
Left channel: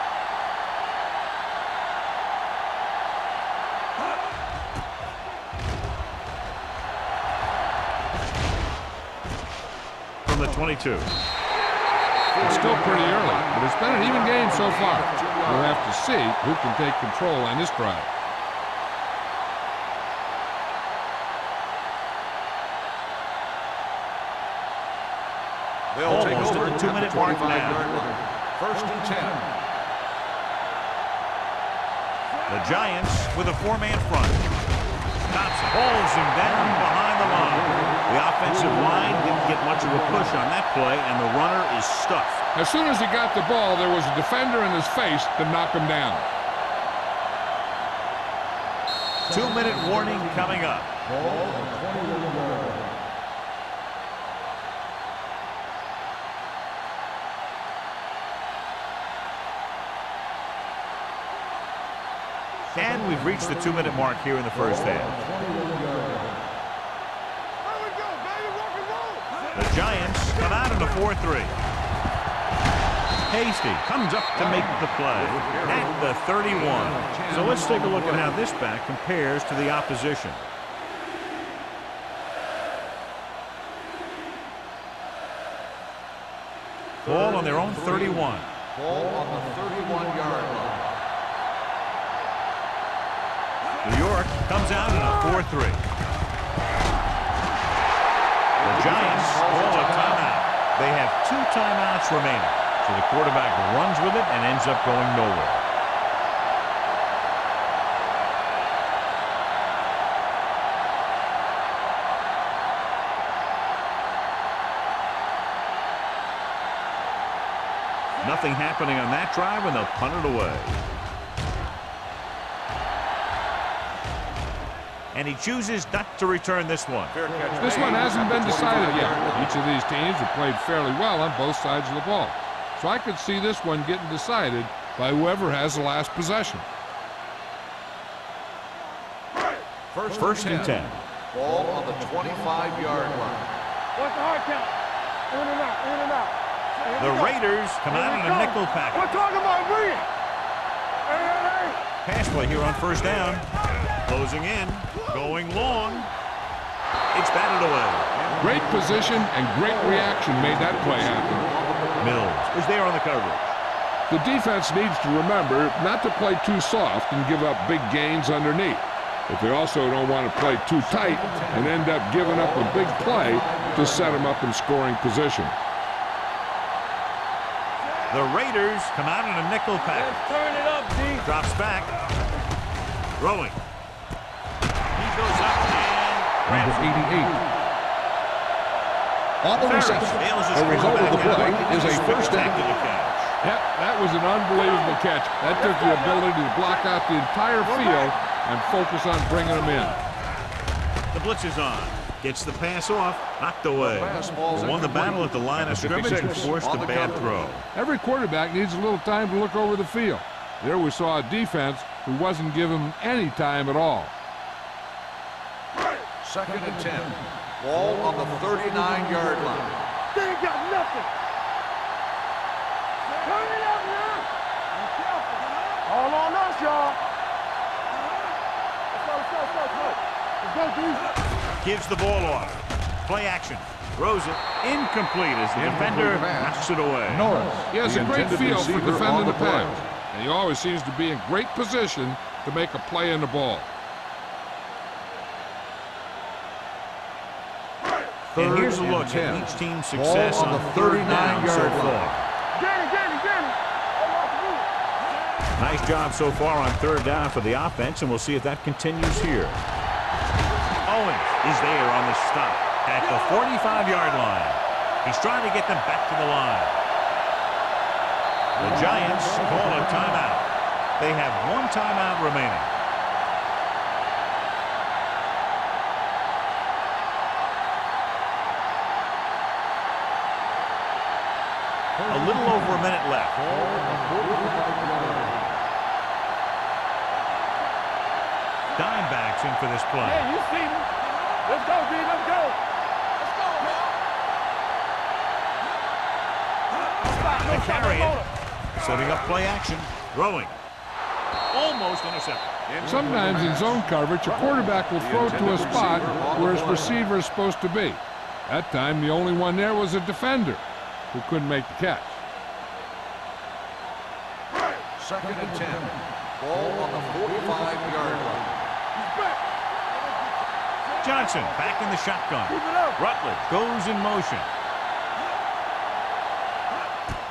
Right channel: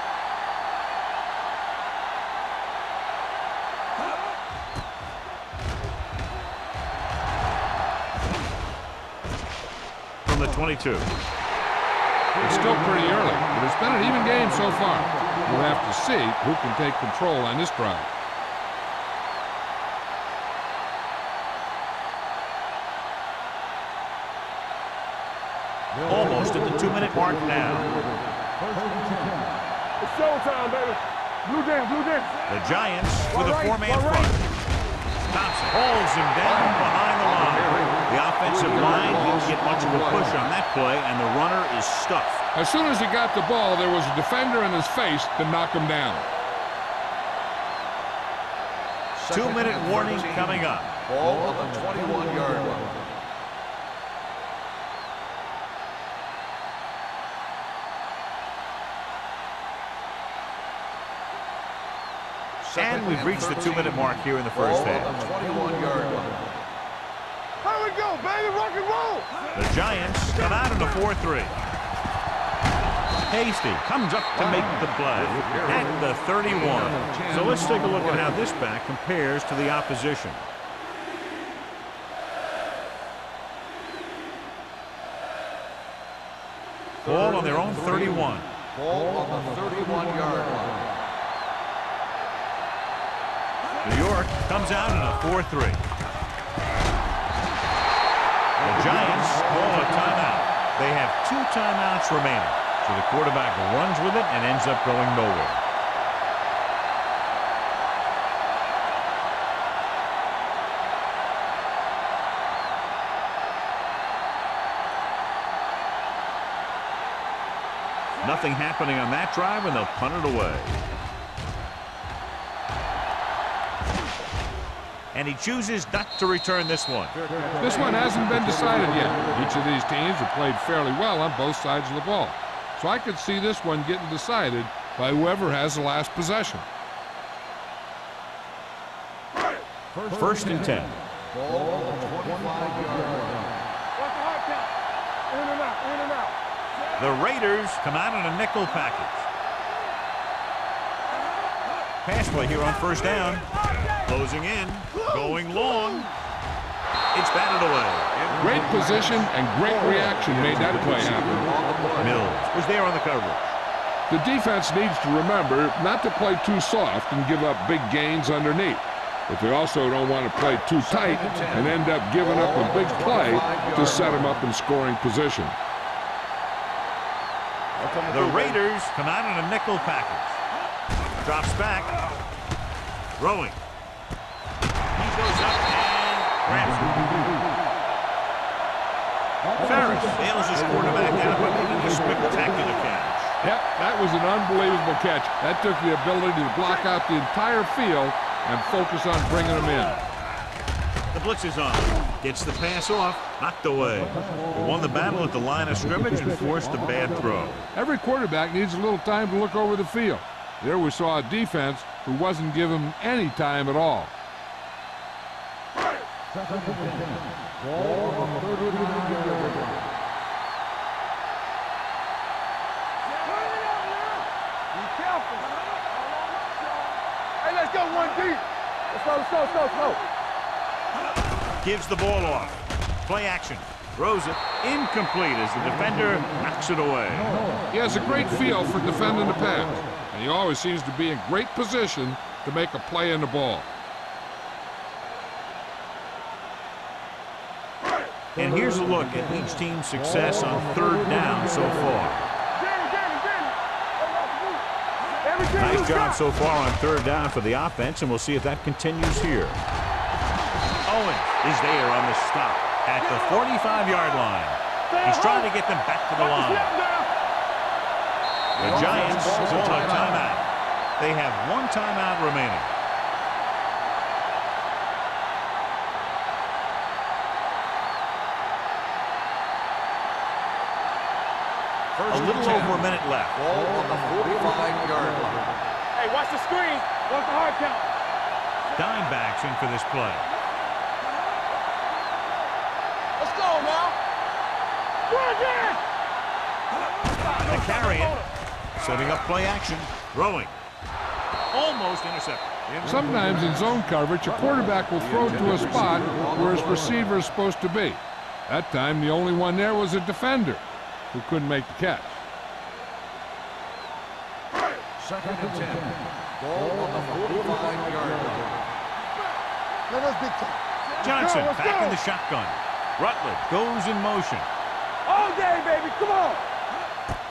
From the 22. It's still pretty early, but it's been an even game so far. We'll have to see who can take control on this drive. Almost at the 2-minute mark now. 1st and 10. It's showtime, baby. Blue game. The Giants with a 4-man front. Thompson holds him down behind the line. The offensive line didn't get much of a push on that play, and the runner is stuffed. As soon as he got the ball, there was a defender in his face to knock him down. 2-minute warning coming up. Ball on the 21-yard line. And we've reached the 2-minute mark here in the first half. Here we go, baby, rock and roll. The Giants come out in a 4-3. Hasty comes up to make the play at the 31. So let's take a look at how this back compares to the opposition. Ball on their own 31. Ball on the 31-yard line. New York comes out in a 4-3. The Giants call a timeout. They have 2 timeouts remaining. So the quarterback runs with it and ends up going nowhere. Nothing happening on that drive, and they'll punt it away. And he chooses not to return this one. This one hasn't been decided yet. Each of these teams have played fairly well on both sides of the ball. So I could see this one getting decided by whoever has the last possession. First and 10. Ball on the 25-yard line. What's the hard count? In and out, in and out. The Raiders come out in a nickel package. We're talking about bring it. Pass play here on first down. Closing in, going long. It's batted away. Great position and great reaction made that play happen. Mills was there on the coverage. The defense needs to remember not to play too soft and give up big gains underneath. But they also don't want to play too tight and end up giving up a big play to set them up in scoring position. The Raiders come out in a nickel package. Drops back. Throwing. He goes up and grabs it. Ferris fails his quarterback out and making a spectacular catch. Yep, that was an unbelievable catch. That took the ability to block out the entire field and focus on bringing them in. The blitz is on. Gets the pass off. Knocked away. He won the battle at the line of scrimmage and forced a bad throw. Every quarterback needs a little time to look over the field. There we saw a defense who wasn't given any time at all. Second and 10. Ball on the 39-yard line. They ain't got nothing. Turn it up now. Be careful. All on us, y'all. Hey, let's go one deep. Let's go, let's go, let's go, let's go. Let's go deep. Gives the ball off. Play action. Throws it. Incomplete as the defender knocks it away. He has a great feel for defending the pass, and he always seems to be in great position to make a play in the ball. And here's a look at each team's success on third down so far. Nice job so far on third down for the offense, and we'll see if that continues here. Owens is there on the stop at the 45-yard line. He's trying to get them back to the line. The Giants call a timeout. They have 1 timeout remaining. A little over a minute left. Ball on the 45-yard line. Hey, watch the screen. Watch the hard count. Dimebacks in for this play. Hey, you see me? Let's go, B. Let's go. Let's go, now. They carry it. Setting up play action. Throwing. Almost intercepted. Sometimes in zone coverage, a quarterback will throw to a spot where his receiver is supposed to be. That time, the only one there was a defender who couldn't make the catch. Second and 10. Ball on the 45-yard line. Johnson back in the shotgun. Rutledge goes in motion. All day, baby. Come on.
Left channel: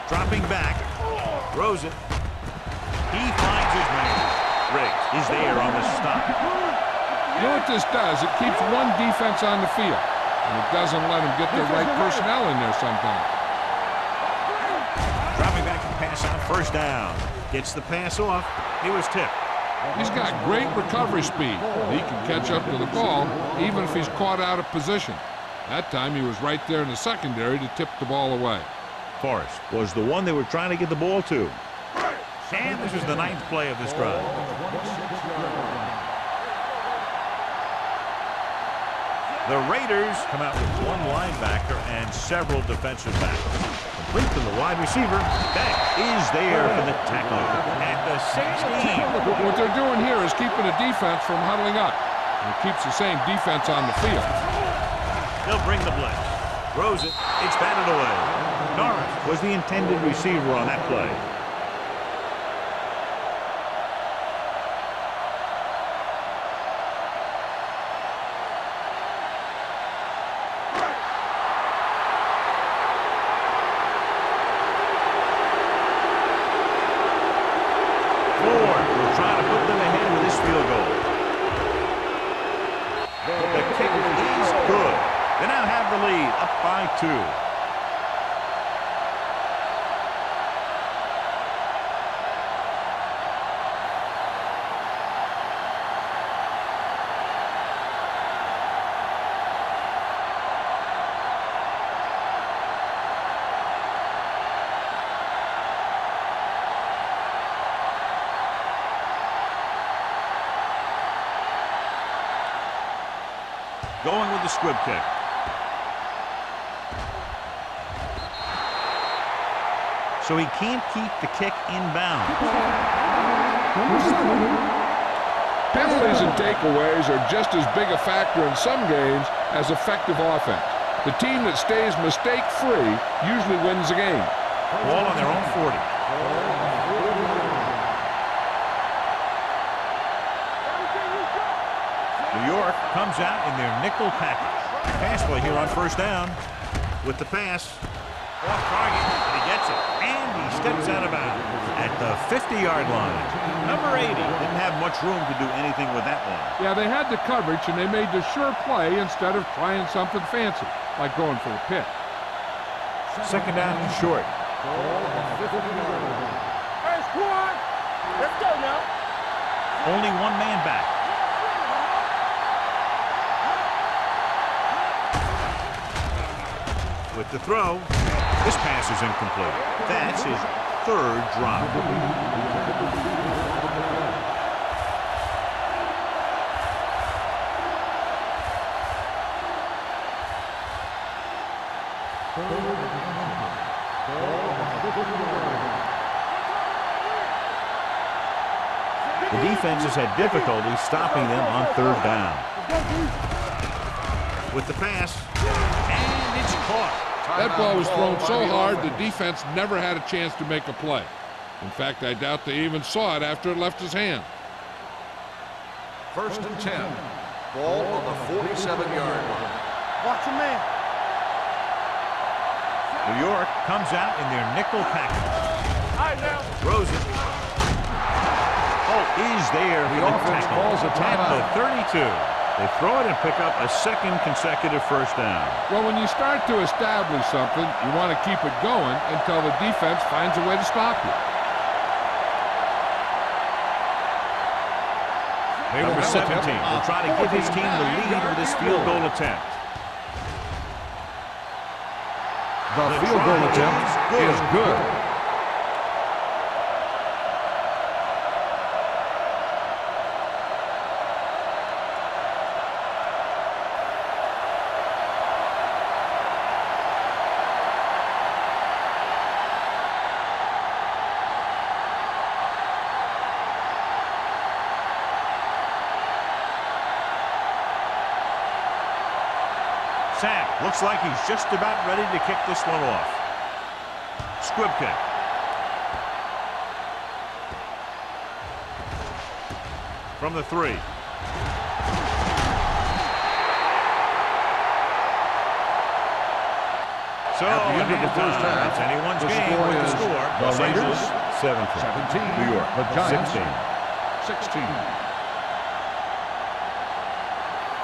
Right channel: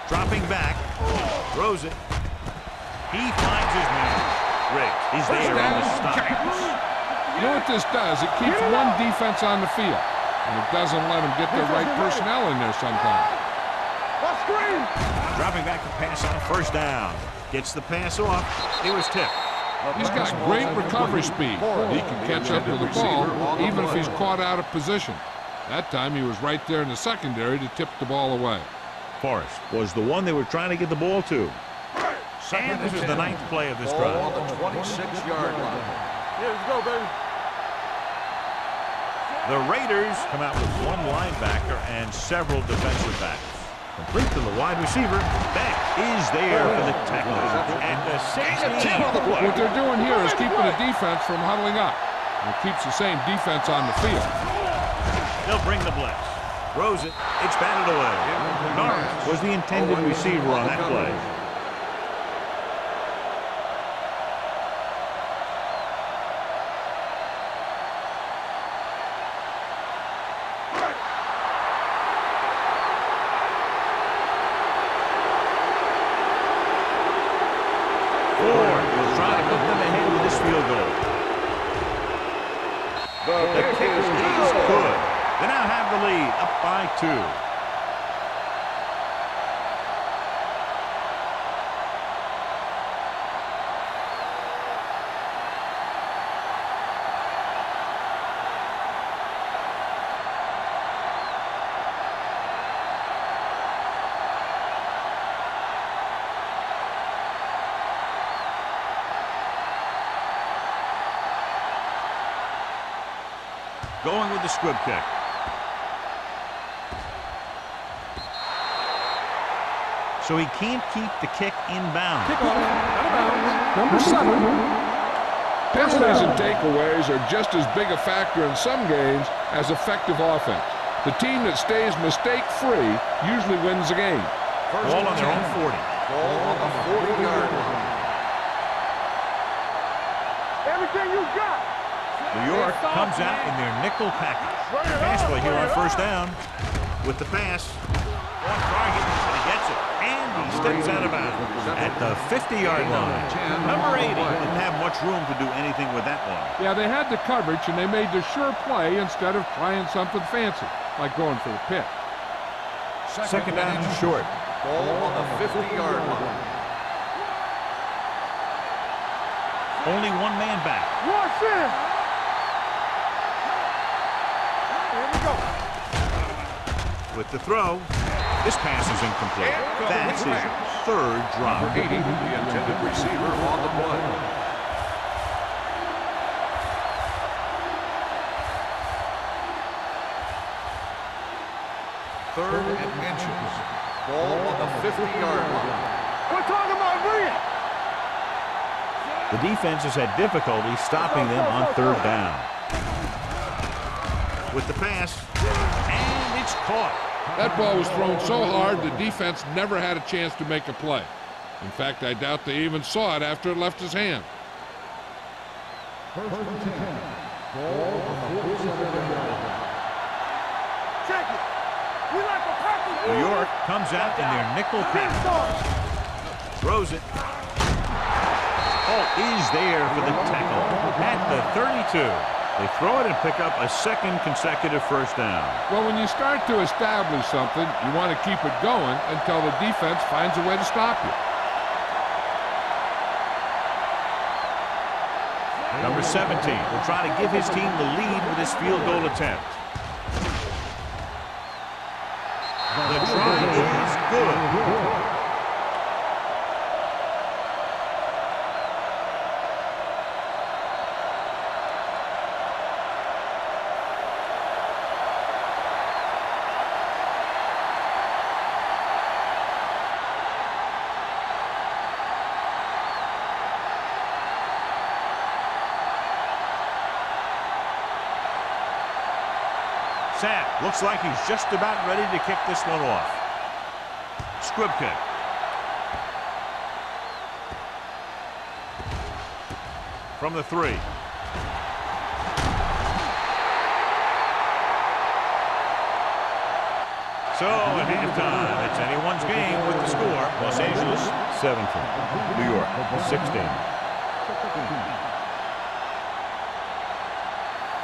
Dropping back. Throws it. He finds his man. Riggs is there on the stop. You know what this does? It keeps one defense on the field. and it doesn't let them get the right personnel in there sometimes. Dropping back to pass on first down. Gets the pass off. He was tipped. He's got great recovery speed, and he can catch up to the ball even if he's caught out of position. That time he was right there in the secondary to tip the ball away. Forrest was the one they were trying to get the ball to. And this is the 9th play of this drive. On the 26-yard line. The Raiders come out with one linebacker and several defensive backs. Complete to the wide receiver. Beck is there for the tackle at the 16. What they're doing here is keeping the defense from huddling up. And it keeps the same defense on the field. They'll bring the blitz. Throws it. It's batted away. Norris was the intended receiver on that play. Ford will try to put them ahead with this field goal. The kick is good. They now have the lead, up by 2. Going with the squib kick. So he can't keep the kick inbound. Number 7. Penalties and takeaways are just as big a factor in some games as effective offense. The team that stays mistake-free usually wins the game. Ball on their own 40. Ball on the 40-yard line. Everything you got. New York comes out in their nickel package. Pass play here on first down with the pass. Off target, but he gets it. And he steps out of bounds at the 50-yard line. Number 80 didn't have much room to do anything with that one. Yeah, they had the coverage, and they made the sure play instead of trying something fancy, like going for the pick. Second down and short. Ball on the 50-yard line. Hey, squad. Let's go now. Only one man back. With the throw, this pass is incomplete. That's his 3rd drop. 80, the intended receiver on the play. Third and inches. Ball on the 50-yard line. We're talking about Reed. The defense has had difficulty stopping them on 3rd down. With the pass, and it's caught. That ball was thrown so hard the defense never had a chance to make a play. In fact, I doubt they even saw it after it left his hand. First and 10. Ball on the 47-yard line. Watch your man. Check it. You like a practice. New York comes out in their nickel package. Throws it. Oh, is there for the tackle at the 32. They throw it and pick up a 2nd consecutive first down. Well, when you start to establish something, you want to keep it going until the defense finds a way to stop you. Number 17 will try to give his team the lead with his field goal attempt. The try is good. Sapp looks like he's just about ready to kick this one off. Squib kick. From the 3. So at halftime, it's anyone's game with the score. Los Angeles 17. New York 16.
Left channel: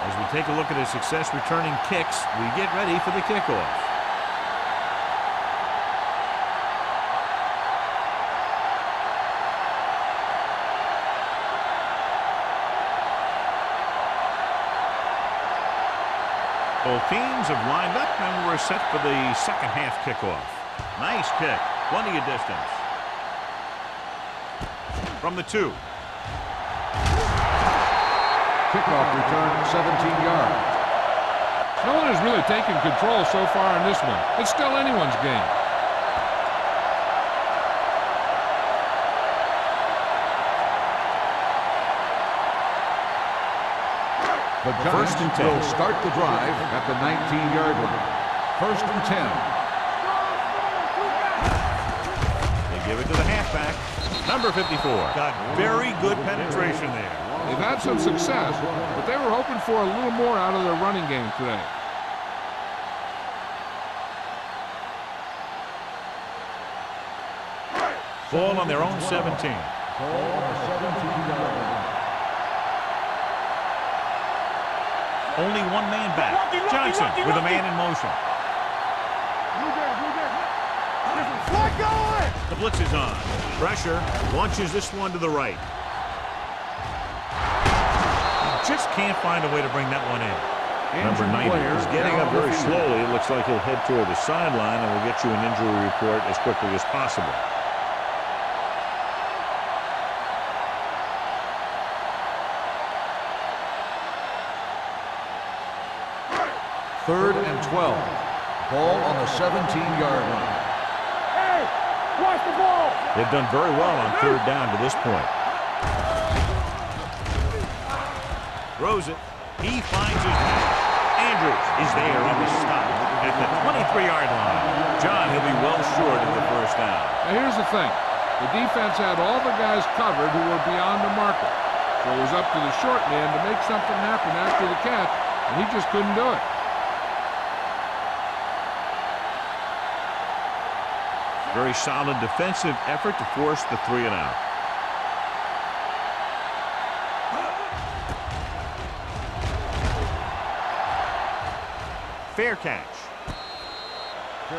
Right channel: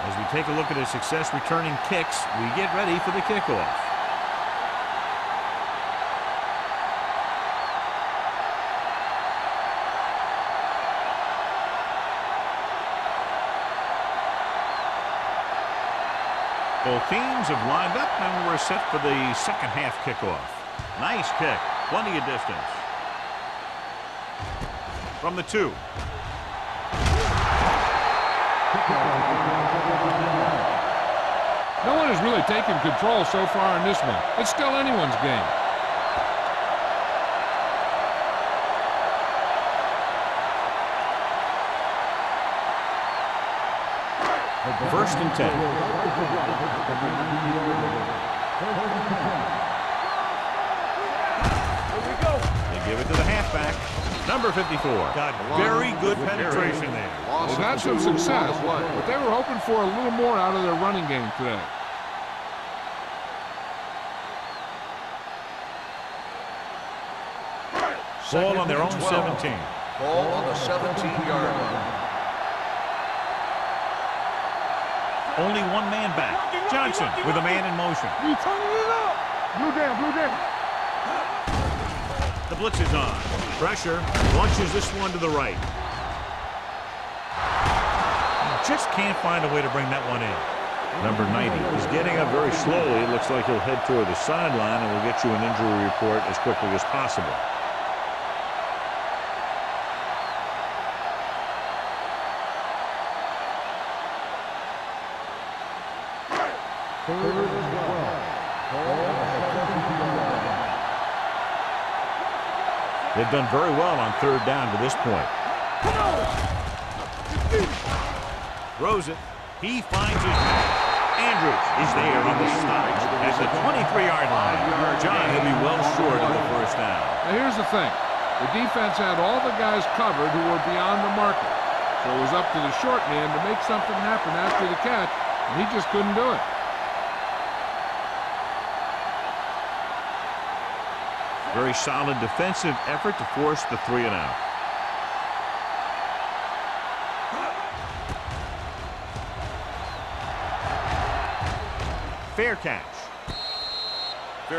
As we take a look at his success returning kicks, we get ready for the kickoff. Both teams have lined up and we're set for the second half kickoff. Nice kick. Plenty of distance. From the 2. Kickoff return 17 yards. No one has really taken control so far in this one. It's still anyone's game. The First and 10. will start the drive at the 19-yard line. First and 10. They give it to the halfback. Number 54. Got very good penetration there. They've had some success, but they were hoping for a little more out of their running game today. Ball on their own 17. Ball on the 17-yard line. Only one man back. Johnson with a man in motion. Blue down, blue down. The blitz is on. Pressure. Launches this one to the right. He just can't find a way to bring that one in. Number 90 is getting up very slowly. It looks like he'll head toward the sideline, and we'll get you an injury report as quickly as possible. Third and 12. Ball on the 17-yard line. They've done very well on third down to this point. Throws it. He finds his man. Andrews is there on the stop at the 23-yard line. John, he'll be well short of the first down. Now here's the thing. The defense had all the guys covered who were beyond the marker. So it was up to the short man to make something happen after the catch, and he just couldn't do it. Very solid defensive effort to force the 3 and out. Fair catch.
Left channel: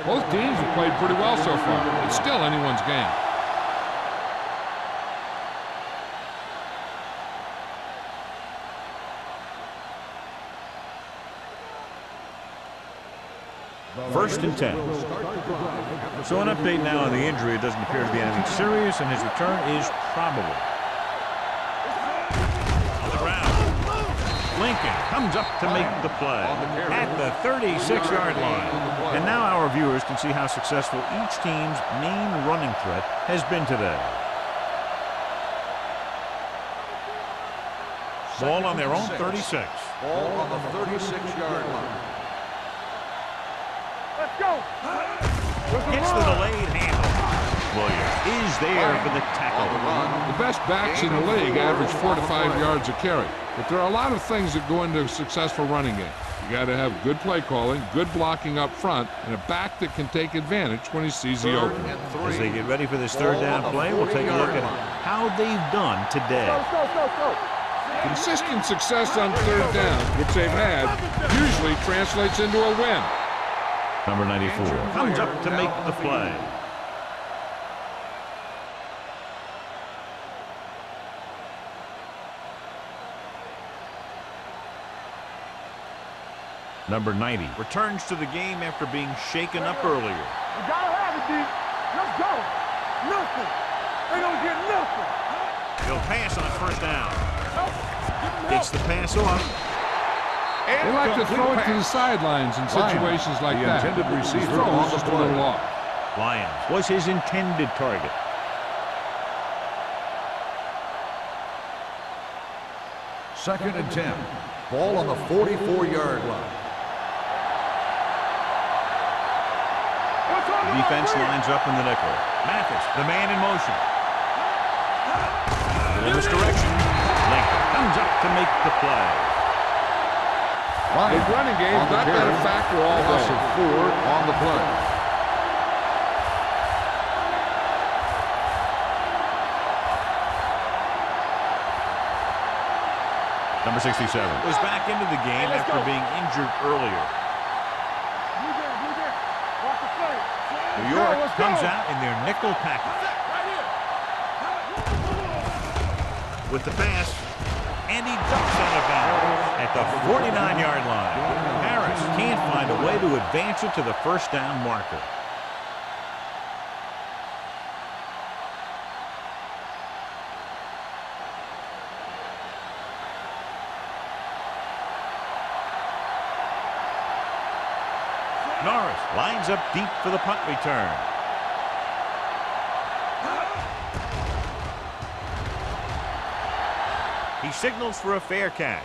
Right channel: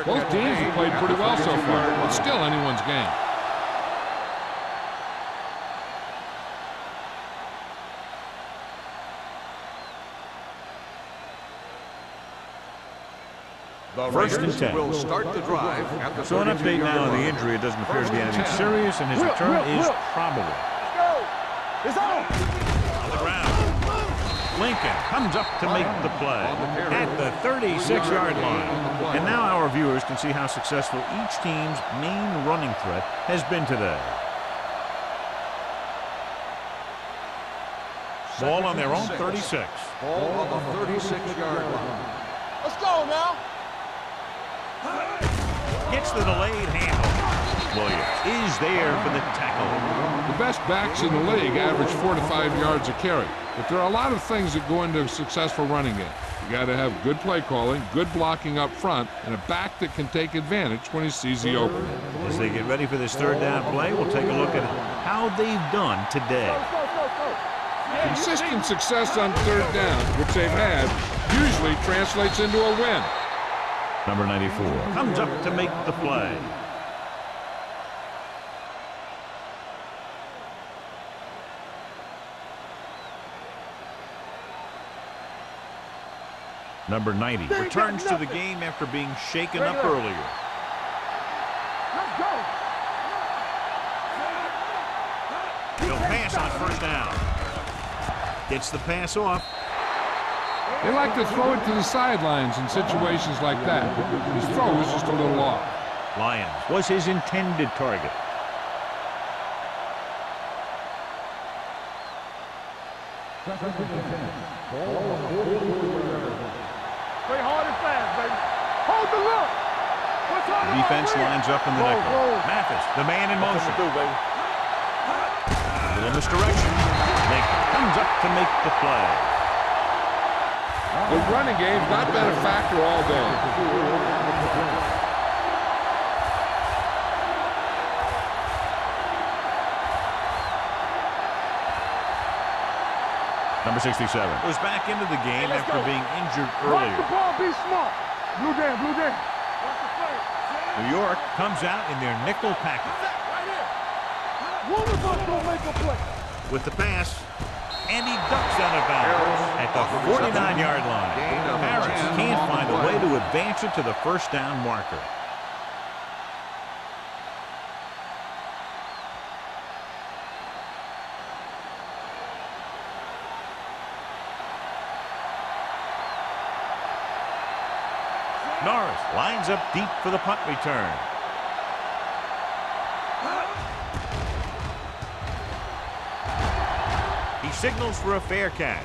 Both teams have played pretty well so far. It's still anyone's game. First and 10. Will start the drive at the So an update now on the 33-yard injury. It doesn't appear to be anything serious, and his return is probable. On the ground. Lincoln comes up to make the play at the 36-yard line. And now our viewers can see how successful each team's main running threat has been today. Ball on their own 36. Ball on the 36-yard line. Let's go now. Let's go. Gets the delayed handle. Williams is there for the tackle. The best backs in the league average 4 to 5 yards a carry. But there are a lot of things that go into a successful running game. You got to have good play calling, good blocking up front, and a back that can take advantage when he sees the opening. As they get ready for this third down play, we'll take a look at how they've done today. Go. Consistent success on third down, which they've had, usually translates into a win. Number 94 comes up to make the play. Number 90 returns to the game after being shaken up earlier. You gotta have it, D. Let's go. Nothing. They don't get nothing. He'll pass on first down. Gets the pass off. They like to throw it to the sidelines in situations like that. His throw was just a little off. Lyons was his intended target. Second and 10. Ball on the 44-yard line. Play hard and fast, baby. Hold the look. What's on The defense lines up in the nickel. Mathis, the man in motion. A little misdirection. Lincoln comes up to make the play. The running game's not been a factor all day. 4 on the play. Number 67 was back into the game after being injured earlier. Be smart. Blue down, blue down. Watch the play. New York comes out in their nickel package. Right here. With the pass, and he ducks out of bounds at the 49-yard line. Harris can't find a way to advance it to the first down marker. Norris lines up deep for the punt return. He signals for a fair catch.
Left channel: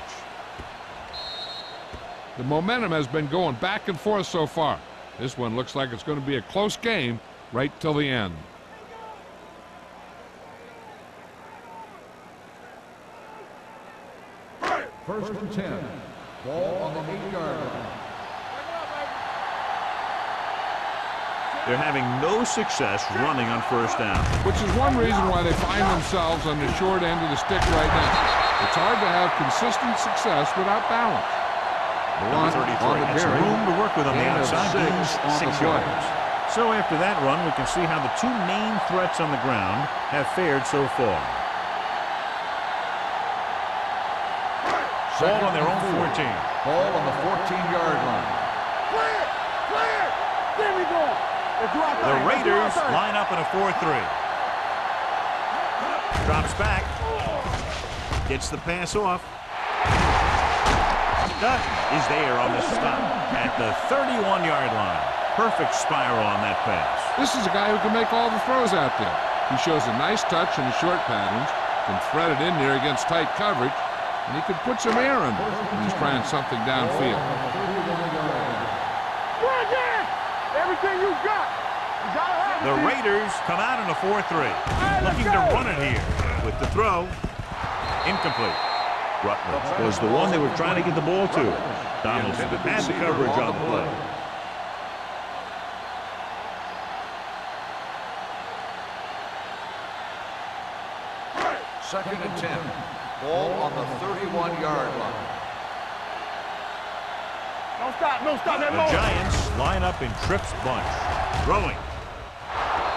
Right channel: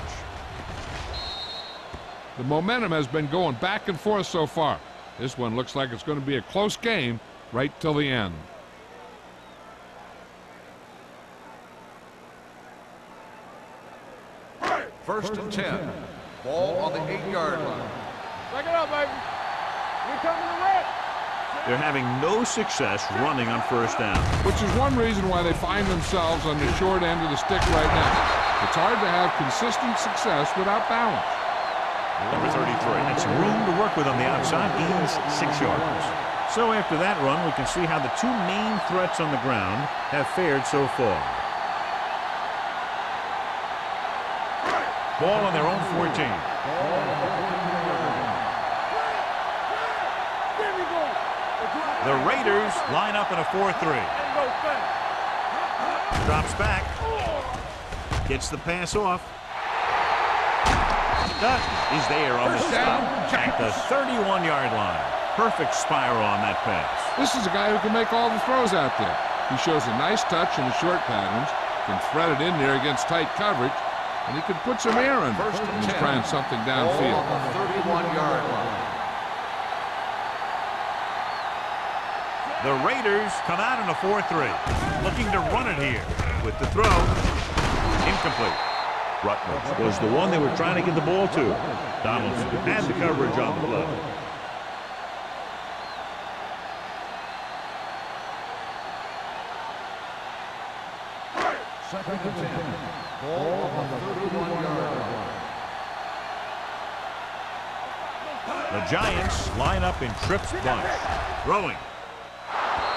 The momentum has been going back and forth so far. This one looks like it's going to be a close game right till the end. First and 10. Ball on the 8-yard line. Back it up, baby. We coming to left. They're having no success running on first down. Which is one reason why they find themselves on the short end of the stick right now. It's hard to have consistent success without balance. Number 33 had some room to work with on the outside, gains 6 yards. So after that run, we can see how the two main threats on the ground have fared so far. Ball on their own 14. Ball on the 14-yard line. Clear. Clear. There we go. The Raiders line up in a 4-3. Drops back. Gets the pass off. Dutton is there on the stop at the 31-yard line. Perfect spiral on that pass. This is a guy who can make all the throws out there. He shows a nice touch in the short patterns, can thread it in there against tight coverage, and he can put some air under it when he's trying something downfield. The Raiders come out in a 4-3, looking to run it here with the throw. Incomplete. Rutledge was the one they were trying to get the ball to. Donaldson had the coverage on the play. Second and 10. Ball on the 31-yard line. The Giants line up in Tripp's bunch. Throwing.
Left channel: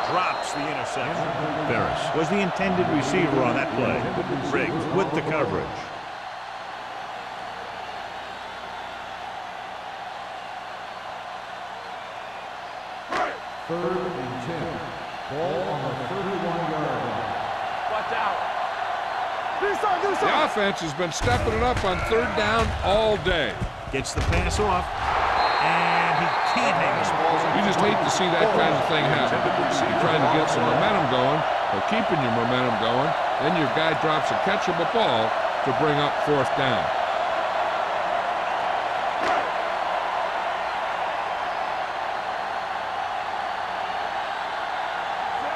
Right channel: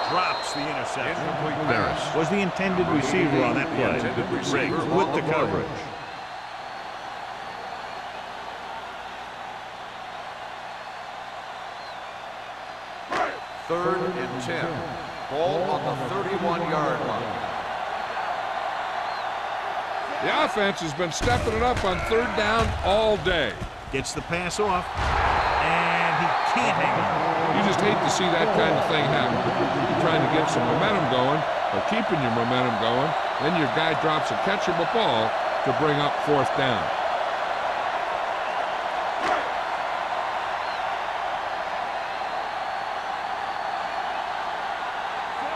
Drops the interception. Ferris was the intended receiver on that play. Riggs with the coverage. Third and 10. Ball on the 31-yard line. Watch out. The offense has been stepping it up on third down all day. Gets the pass off, and he can't hang on. You just hate to see that kind of thing happen. You're trying to get some momentum going, or keeping your momentum going, then your guy drops a catchable ball to bring up fourth down.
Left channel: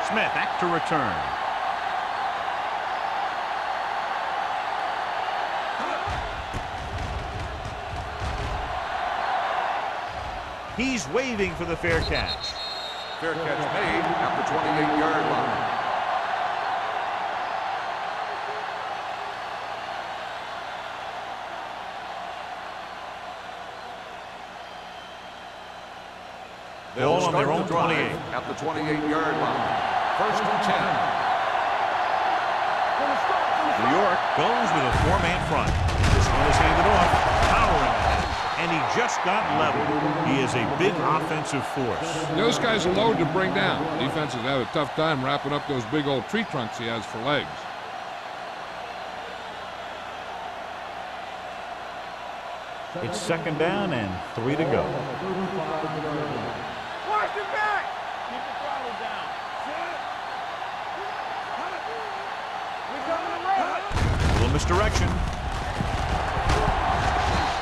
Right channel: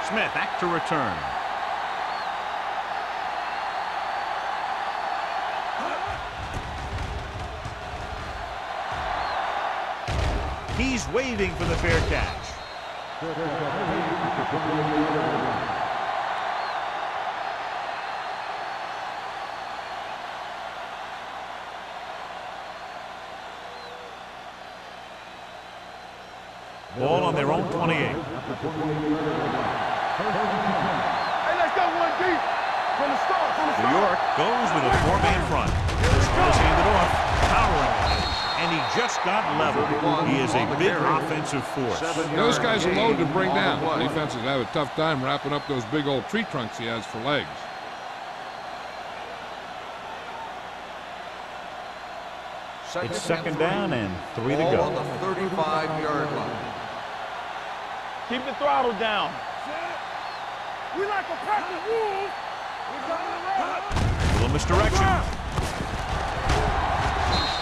Smith back to return. He's waiting for the fair catch. Fair catch made at the 28-yard line. Ball on their own 28. At the 28-yard line. First and 10. New York goes with a four-man front. This one is handed off, powering ahead, and he just got leveled. He is a big offensive force. Those guys are loaded to bring down. Defenses have a tough time wrapping up those big old tree trunks he has for legs. It's second down and 3 to go. 35-yard line. Watch your back. Keep the throttle down. We like to cut the rules. We coming to run. A little misdirection.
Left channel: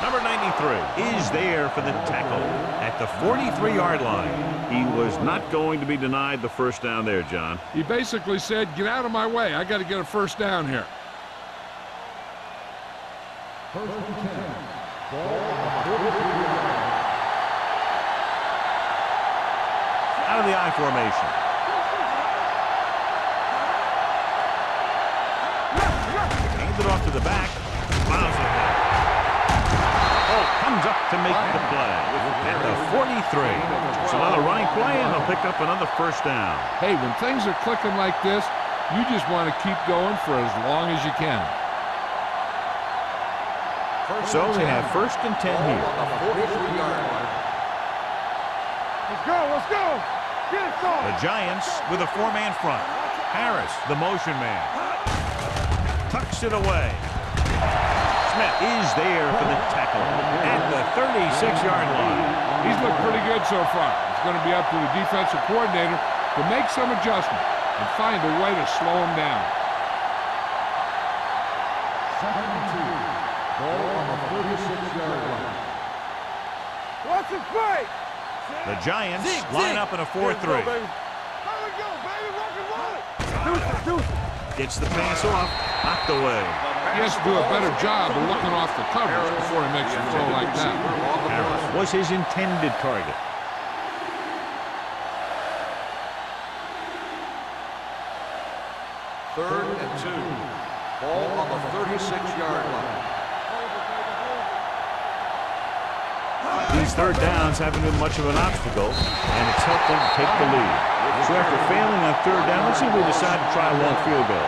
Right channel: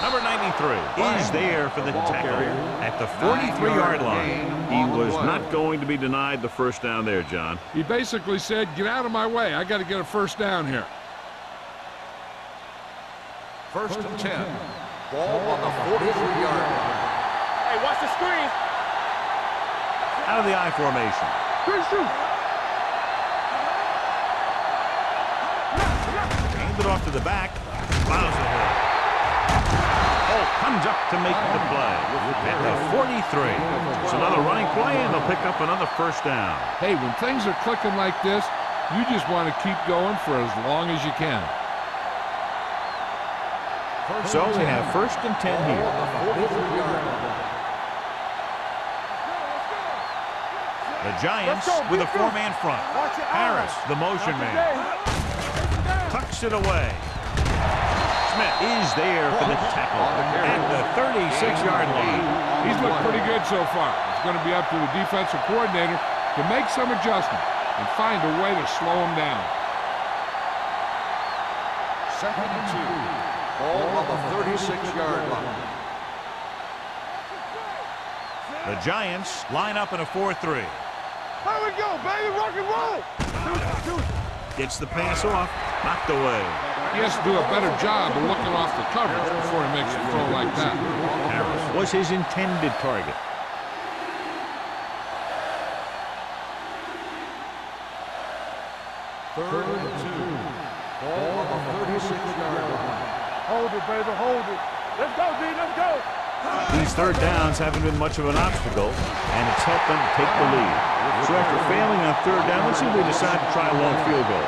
Number 93 is there for the tackle at the 43-yard line. He was not going to be denied the first down there, John. He basically said, get out of my way. I got to get a first down here. First and 10. Ball on the 43-yard line. Hey, watch the screen. Out of the I formation. Handed off to the back. Plows ahead. Holt comes up to make the play at the 43. It's another running play, and they'll pick up another first down. Hey, when things are clicking like this, you just want to keep going for as long as you can. So they have first and 10 here. On the 43-yard line. Let's go. The Giants with a four-man front. Harris, the motion man, tucks it away. Smith is there for the tackle at the 36-yard line. He's looked pretty good so far. It's going to be up to the defensive coordinator to make some adjustment and find a way to slow him down. 2nd and 2. Ball on the 36-yard line. What's the play? The Giants line up in a 4-3. There we go, baby. Rock and roll. Gets the pass off, knocked away. He has to do a better job of looking off the coverage before he makes a throw like that. Harris was his intended target. Third and 2. Ball on the 36-yard line. Hold it, baby. Hold it. Let's go, B. Let's go. These third downs haven't been much of an obstacle, and it's helped them take the lead. So after failing on third down, let's see if they decide to try a long field goal.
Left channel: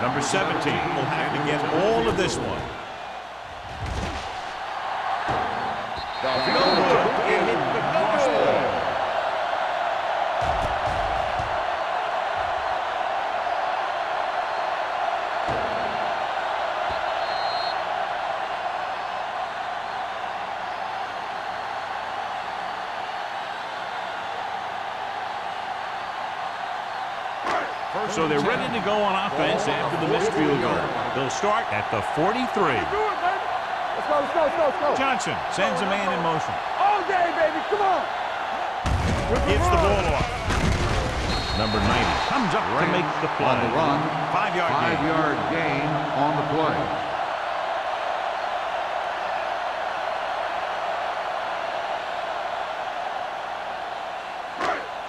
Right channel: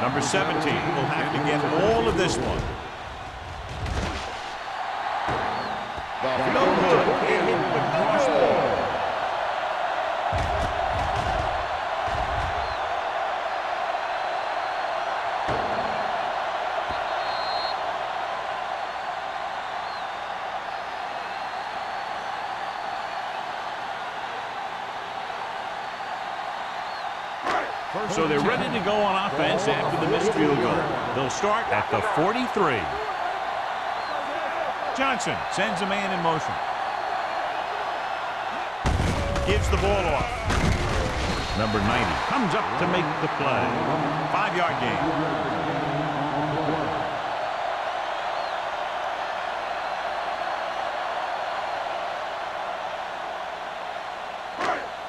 Number 17 will have to get all of this one. No good. It hit the crossbar. So they're ready to go on offense after the missed field goal. They'll start at the 43. Let's go. Johnson sends a man in motion. All day, baby. Come on. Gives the ball off. Number 90 comes up to make the play. 5-yard gain. 5-yard gain on the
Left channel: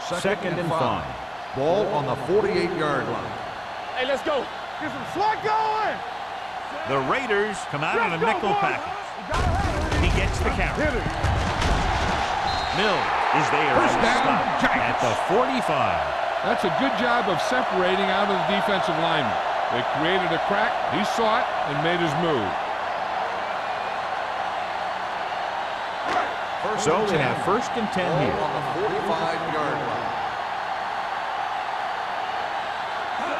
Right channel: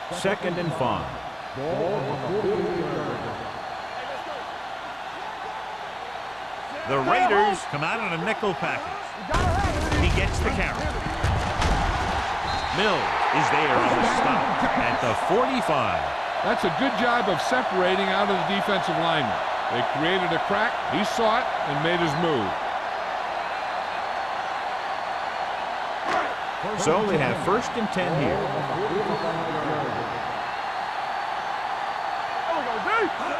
play. Second and 5. Ball on the 48-yard line. Hey, let's go. Get some swag going. The Raiders come out in a nickel package. You gotta have it. He gets the carry. Hit it. Mills is there on the stop at the 45. That's a good job of separating out of the defensive lineman. They created a crack, he saw it, and made his move. So they have first and 10 here. On the 45-yard line.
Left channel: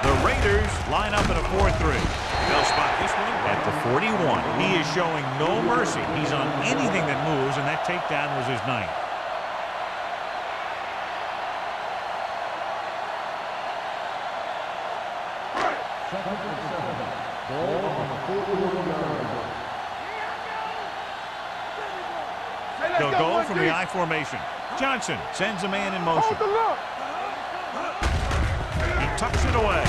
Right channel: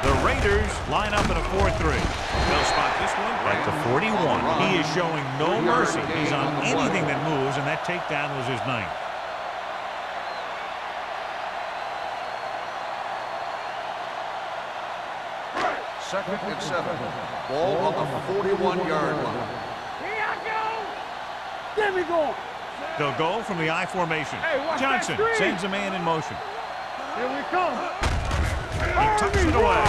The Raiders line up in a 4-3. They'll spot this one at the 41. He is showing no mercy. He's on anything that moves, and that takedown was his 9th. Second and 7. Ball on the 41-yard line. Here I go. There we go. They'll go from the I formation. Johnson sends a man in motion. Here we come. He tucks it away.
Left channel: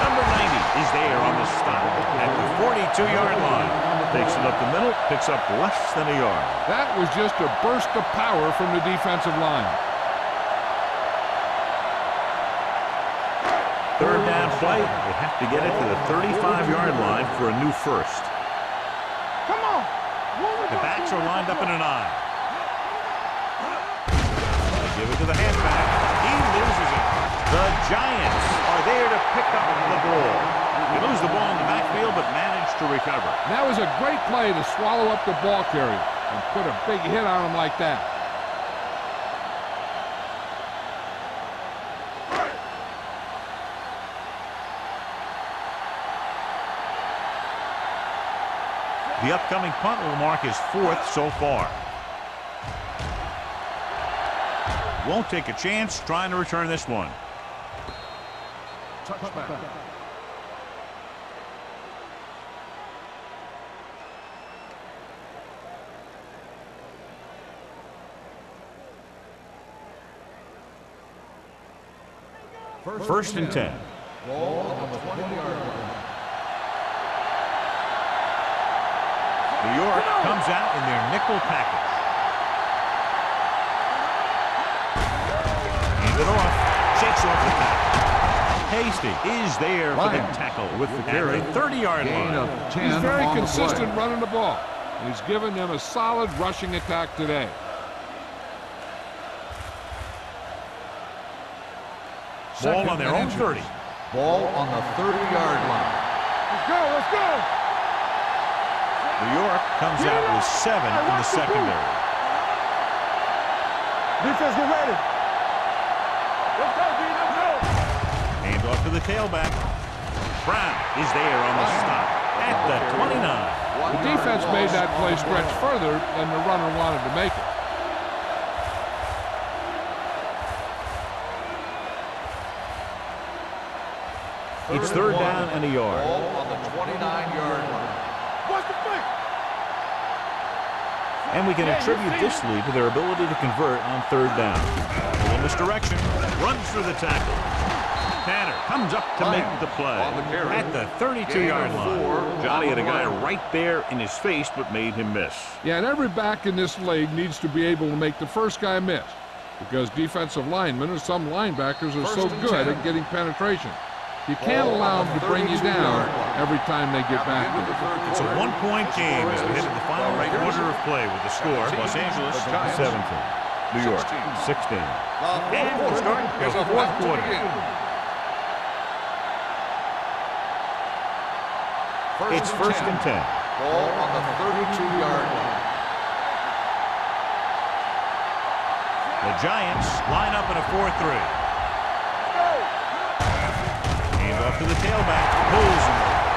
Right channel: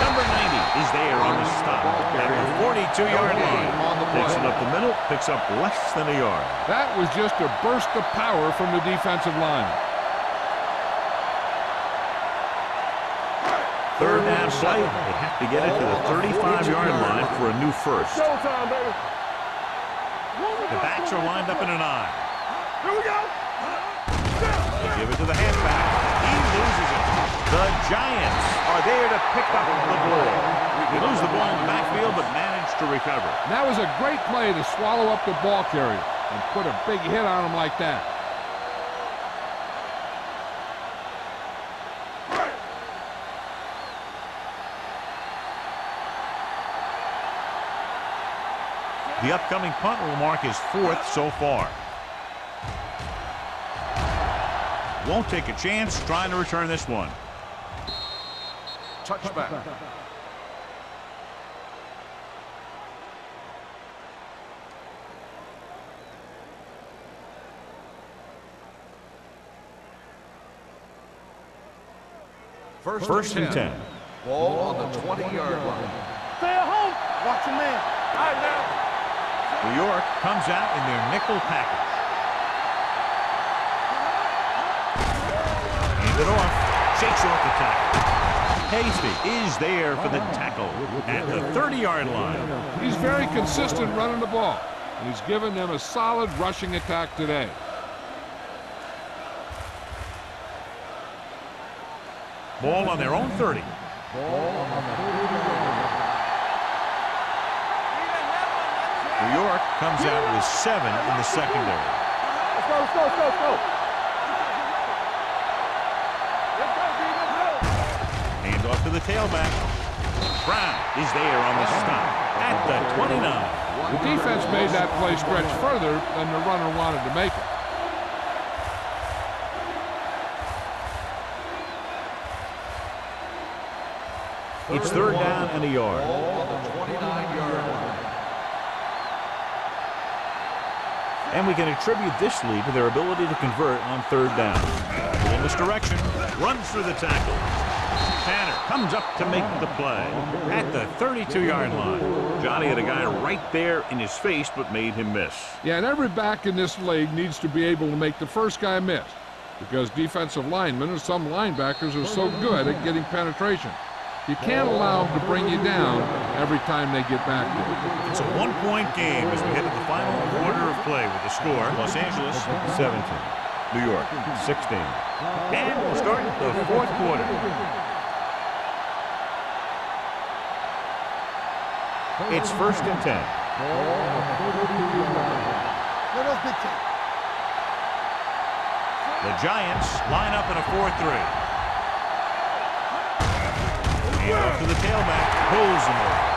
Number 90 is there on the stop at the 42-yard line. Takes it up the middle, picks up less than a yard. That was just a burst of power from the defensive line. Third down play. They have to get it to the 35-yard line for a new first. Showtime, baby. Come on. The backs are lined up in an I. Here we go. They give it to the halfback. He loses it. The Giants are there to pick up the ball. They lose the ball in the backfield, but manage to recover. And that was a great play to swallow up the ball carrier and put a big hit on him like that. The upcoming punt will mark his 4th so far. Won't take a chance trying to return this one. Touchback. First and 10. Ball on the 20-yard line. Stay at home. Watch your man. All right, now. New York comes out in their nickel package. Hand it off. Shakes off the tackle. Hasty is there for the tackle at the 30-yard line. He's very consistent running the ball, and he's given them a solid rushing attack today. Ball on their own 30. Ball on the 30-yard line. Let's go. New York comes out with 7 in the secondary. Let's go. Defense, get ready. Let's go, D. Let's go. Hand off to the tailback. Brown is there on the stop at the 29. The defense made that play stretch further than the runner wanted to make it. It's third down and a yard. Ball on the 29-yard line. What's the thing? And we can attribute this lead to their ability to convert on third down. In this direction, runs through the tackle. Tanner comes up to make the play at the 32-yard line. Johnny had a guy right there in his face, but made him miss. Yeah, and every back in this league needs to be able to make the first guy miss, because defensive linemen and some linebackers are so good at getting penetration. You can't allow them to bring you down every time they get back there. It's a one-point game as we head to the final quarter of play with the score. Los Angeles 17, New York 16. And we'll start the fourth quarter. It's first and 10. Ball on the 32-yard line. The Giants line up in a 4-3. Hand off to the tailback, pulls him over.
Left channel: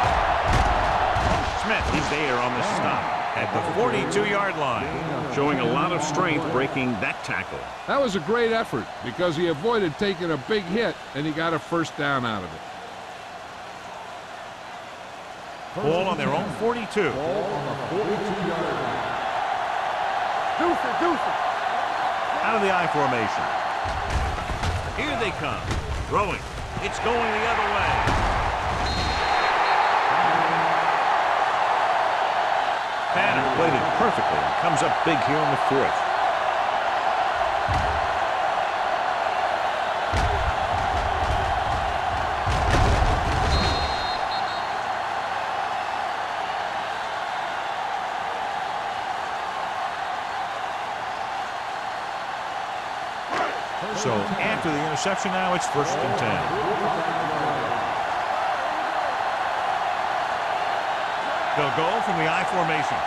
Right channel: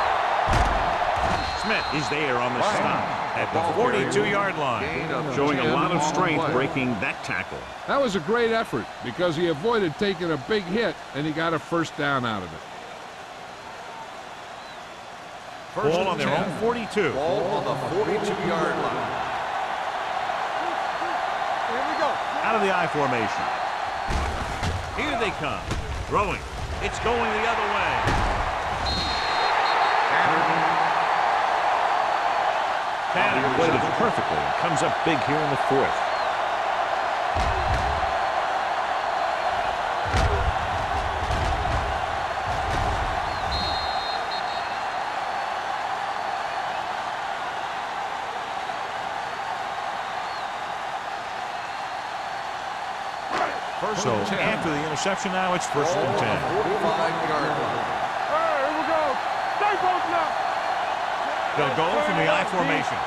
Smith is there on the stop at the 42-yard line, showing a lot of strength breaking that tackle. That was a great effort because he avoided taking a big hit and he got a first down out of it. Ball on their own 42. Ball on the 42-yard line. Here we go. Out of the I formation. Here they come. Throwing. It's going the other way. Tanner played it perfectly and comes up big here in the fourth. So after the interception now, it's first and 10. 45-yard line. Here we go. Stay close now. They'll go from the I formation.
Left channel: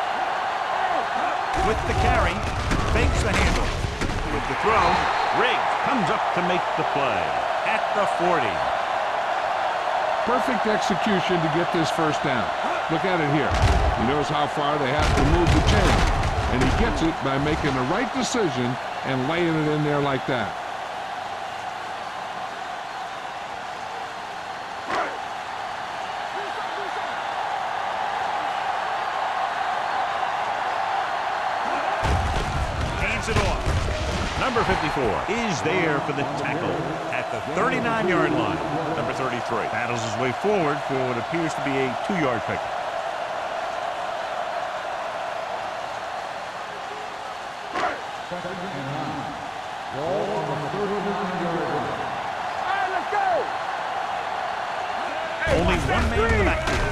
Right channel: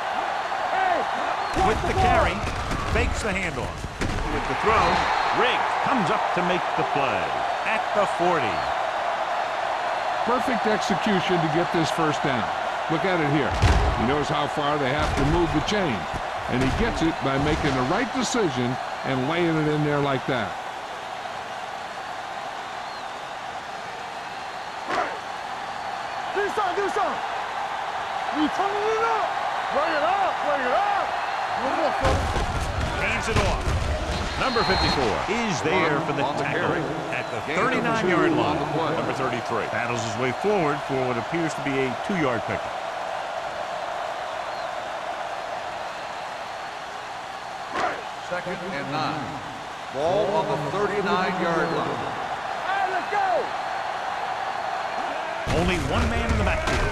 With the carry, fakes the handoff. With the throw, Riggs comes up to make the play at the 40. Perfect execution to get this first down. Look at it here. He knows how far they have to move the chain, and he gets it by making the right decision and laying it in there like that. Hands it off. Number 54 is there for the tackle at the 39-yard line. Number 33 battles his way forward for what appears to be a 2-yard pickup. Second and 9. Ball on the 39-yard line. Hey, let's go. Only one man in the backfield.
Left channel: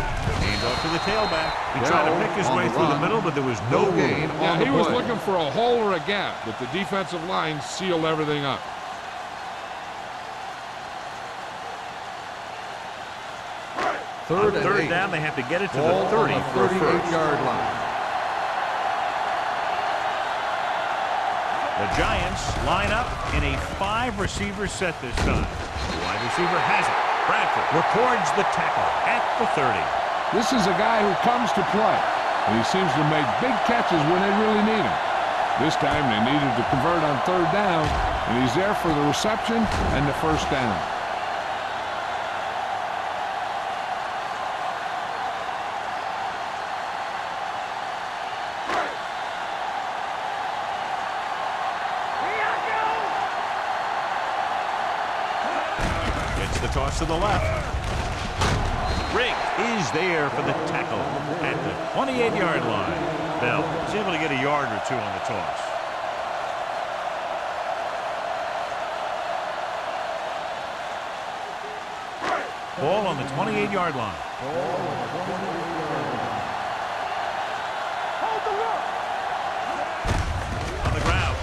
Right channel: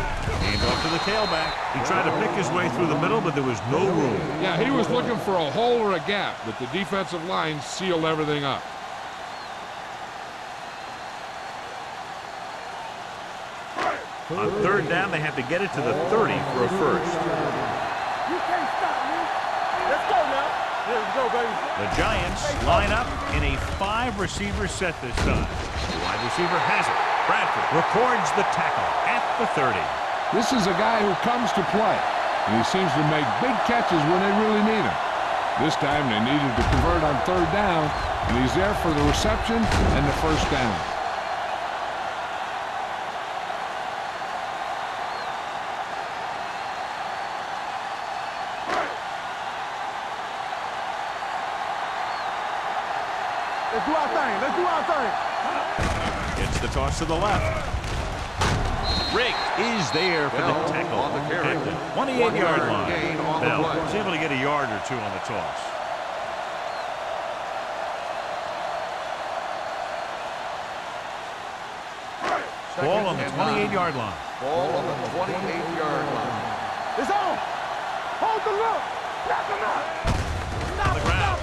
Hand off to the tailback. He tried to pick his way through the middle, but there was no room. Yeah, he was looking for a hole or a gap, but the defensive line sealed everything up. On third down, they have to get it to the 30 for a first. The Giants line up in a 5-receiver set this time. The wide receiver has it. Bradford records the tackle at the 30. This is a guy who comes to play, and he seems to make big catches when they really need him. This time they needed to convert on third down, and he's there for the reception and the first down. Gets the toss to the left. Riggs is there for the tackle at the 28-yard line. Bell was able to get a yard or two on the toss. Ball on the 28-yard line. Ball on the 28-yard line. It's on. Hold the look. On the ground.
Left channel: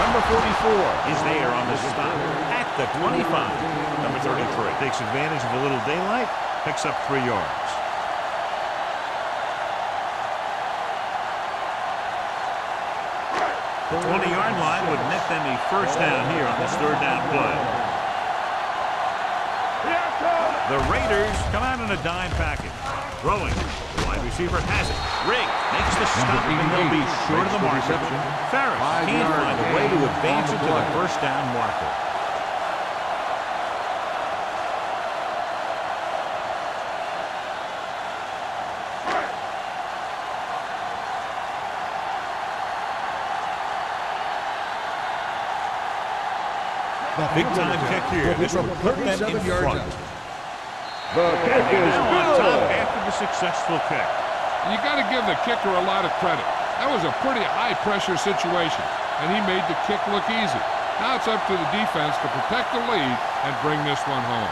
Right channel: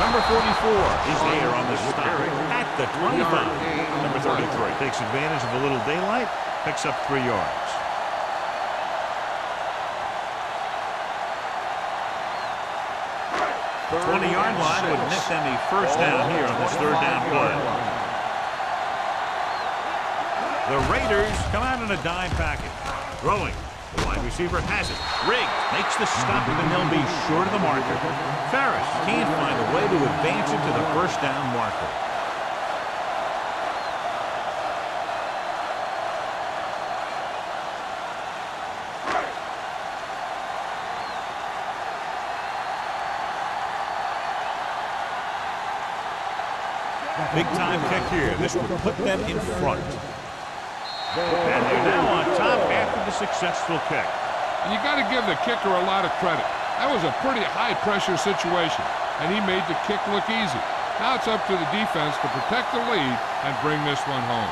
Number 44 is there on the stop at the 25. Number 33 takes advantage of a little daylight, picks up 3 yards. The 20-yard line would net them a first down here on this third down play. The Raiders come out in a dime package. Throwing. The wide receiver has it. Riggs makes the stop, and they'll be short of the marker. Ferris can't find a way to advance it to the first down marker. Big time kick here. This would put them in front. And they're now on top after the successful kick. And you got to give the kicker a lot of credit. That was a pretty high-pressure situation, and he made the kick look easy. Now it's up to the defense to protect the lead and bring this one home.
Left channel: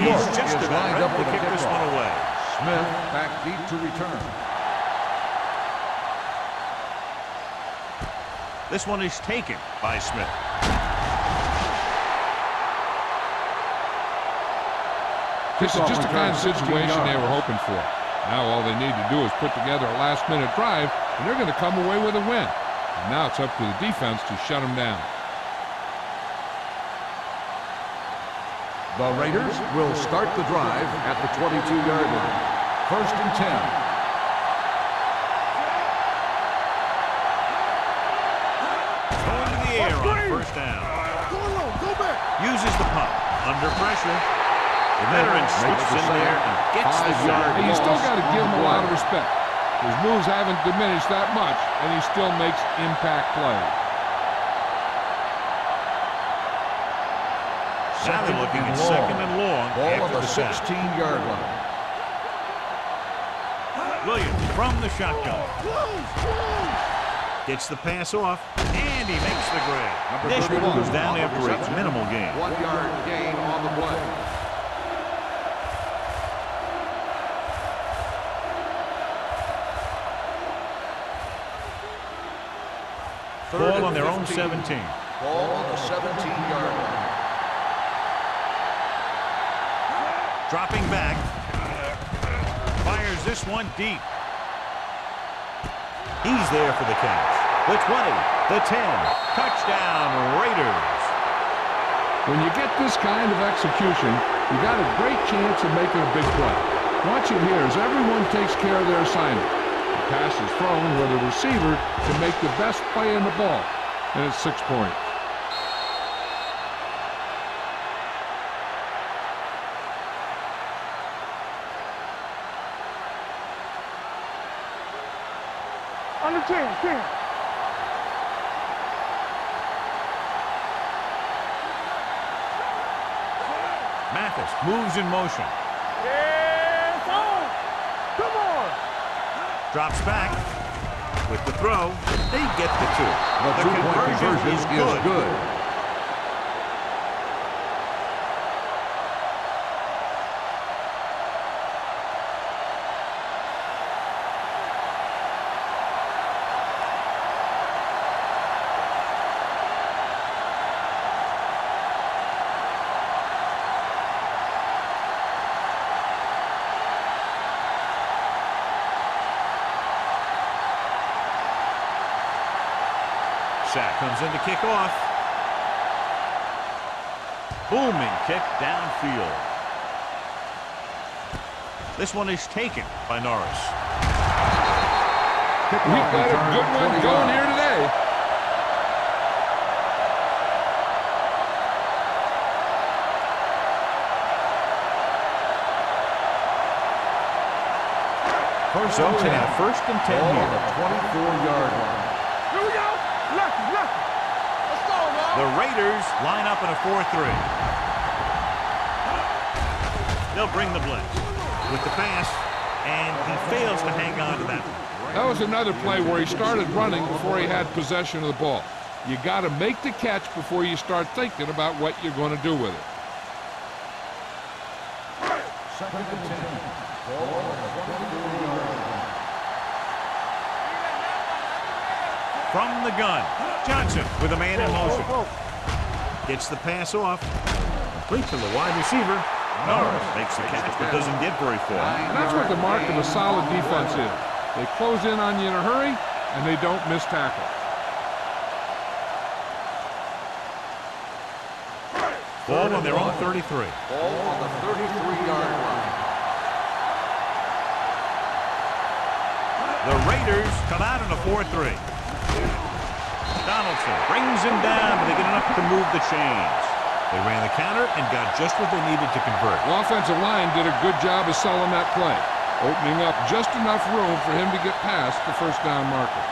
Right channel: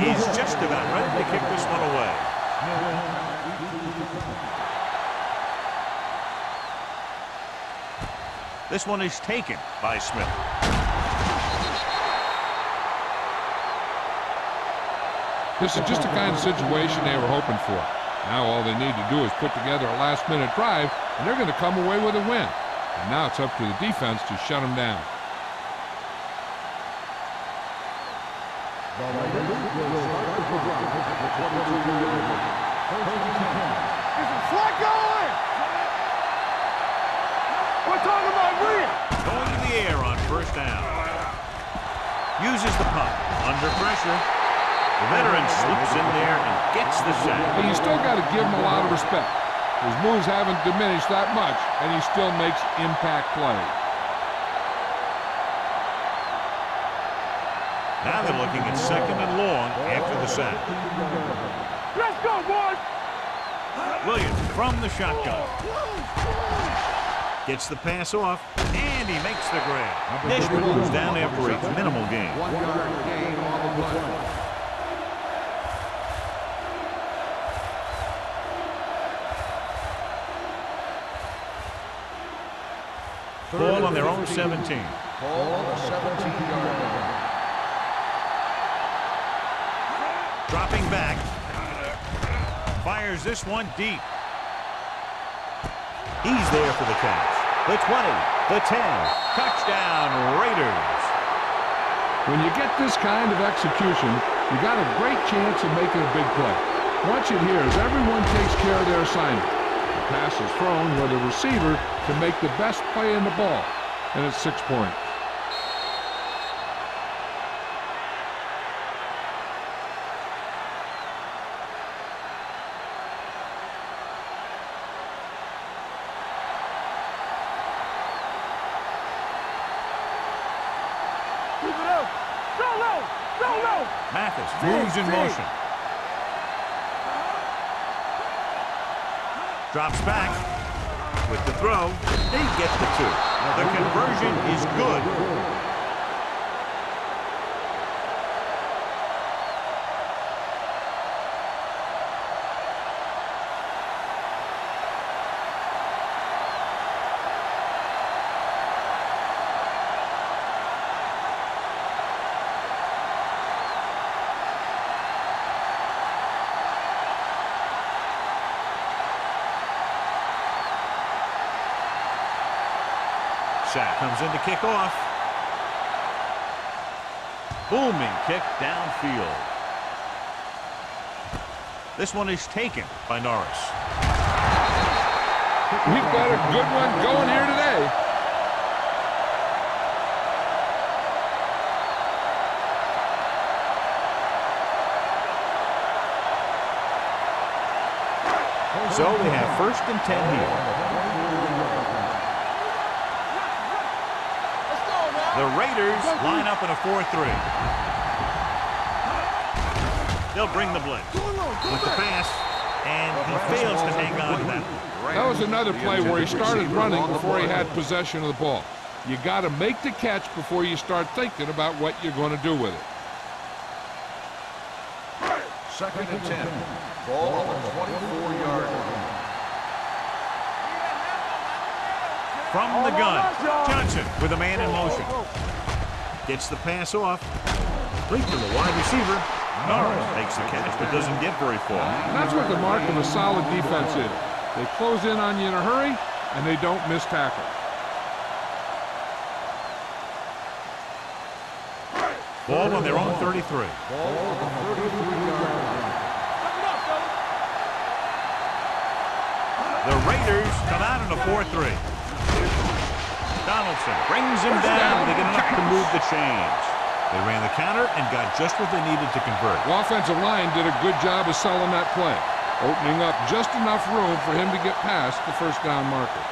He's just about ready to kick this one away. Smith back deep to return. This one is taken by Smith. This is just the kind of situation they were hoping for. Now all they need to do is put together a last-minute drive, and they're going to come away with a win. And now it's up to the defense to shut them down. The Raiders will start the drive at the 22-yard line. First and 10. Going to the air on first down. Uses the pump. Under pressure. The veteran slips in there and gets the sack. Hey, you still got to give him a lot of respect. His moves haven't diminished that much, and he still makes impact plays. Now they're looking at second and long after the sack. 16-yard line. Let's go, boys. Williams from the shotgun. Gets the pass off, and he makes the grab. Dishman goes down after a minimal gain. 1-yard gain on the play. Ball on their own 17. Ball on the 17-yard line. Dropping back. Fires this one deep. He's there for the catch. The 20, the 10. Touchdown, Raiders. When you get this kind of execution, you got a great chance of making a big play. Watch it here as everyone takes care of their assignment. The pass is thrown where the receiver can make the best play in the ball, and it's 6 points. On the 10. Keep it up. Go low. Go low. Mathis moves in motion. Come on. Drops back. With the throw, they get the 2. The conversion is good. Sack comes in to kick off. Booming kick downfield. This one is taken by Norris. We've got a good one going here today. So they have first and 10 here. 24-yard line. Here we go. Left. Let's go, man. The Raiders line up in a 4-3. They'll bring the blitz with the pass, and he fails to hang on to that one. That was another play where he started running before he had possession of the ball. You got to make the catch before you start thinking about what you're going to do with it. 2nd and 10. Ball on the 24-yard line. From the gun, Johnson with a man in motion. Gets the pass off. Complete to the wide receiver. Norris makes the catch but doesn't get very far. And that's what the mark of a solid defense is. They close in on you in a hurry, and they don't miss tackle. Ball on their own 33. Ball on the 33-yard line. The Raiders come out in a 4-3. Donaldson brings him down, but they get enough to move the chains. They ran the counter and got just what they needed to convert. The offensive line did a good job of selling that play, opening up just enough room for him to get past the first down marker.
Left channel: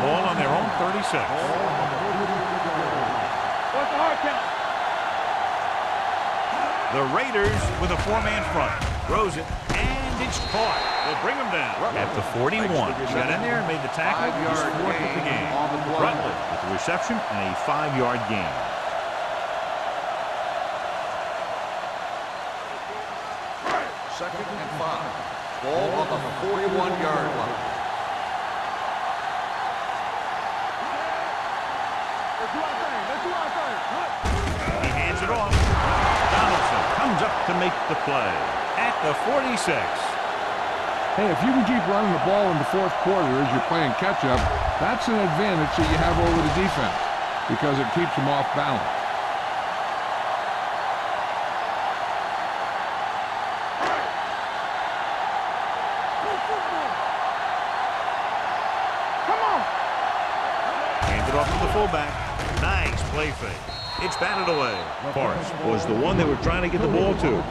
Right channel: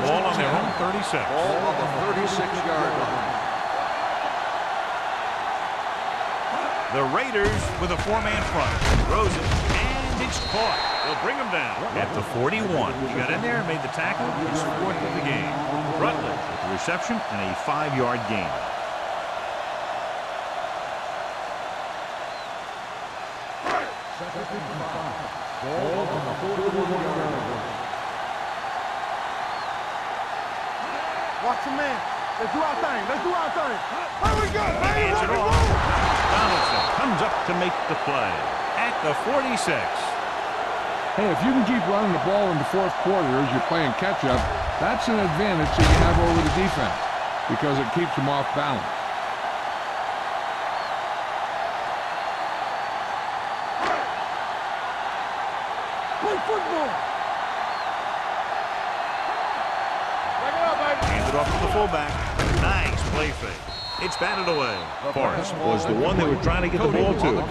Ball on their own 36. Ball on the 36-yard line. What's the hard count? The Raiders with a 4-man front. Throws it, and it's caught. They'll bring him down at the 41. He got in there and made the tackle. He's 4th of the game. Rutledge with the reception and a 5-yard gain. Second and 5. Ball on the 41-yard line. Watch your man. Let's do our thing. Here we go. He hands it off. Donaldson comes up to make the play at the 46. Hey, if you can keep running the ball in the fourth quarter as you're playing catch-up, that's an advantage that you have over the defense because it keeps them off balance. Play football. Come on. Hands it off to the fullback. Nice play fake. It's batted away. Forrest was the one they were trying to get the ball to.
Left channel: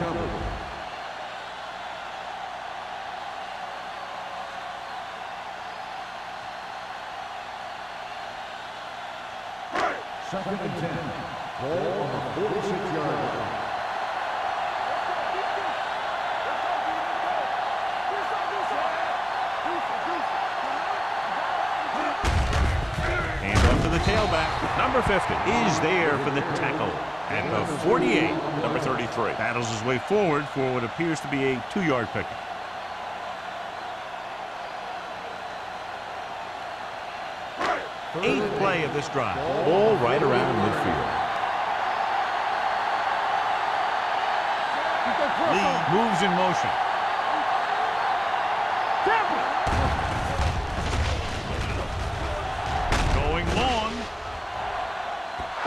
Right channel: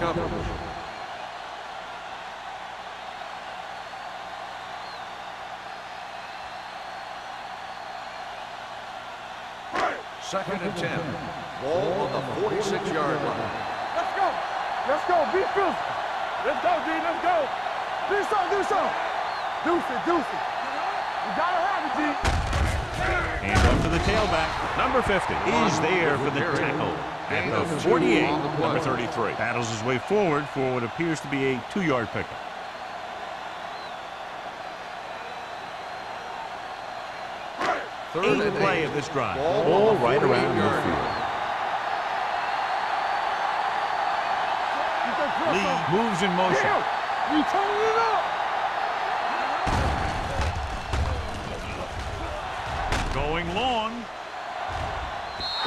Second and 10. Ball on the 46-yard line. Let's go. Be true. Let's go, B. Let's go. Do something. Deuce it. You gotta have it, G. Hands off to the tailback. Number 50 is there for the tackle at the 48. Number 33 battles his way forward for what appears to be a 2-yard pickup. Eighth play of this drive. All right around midfield. Lee moves in motion. Going long.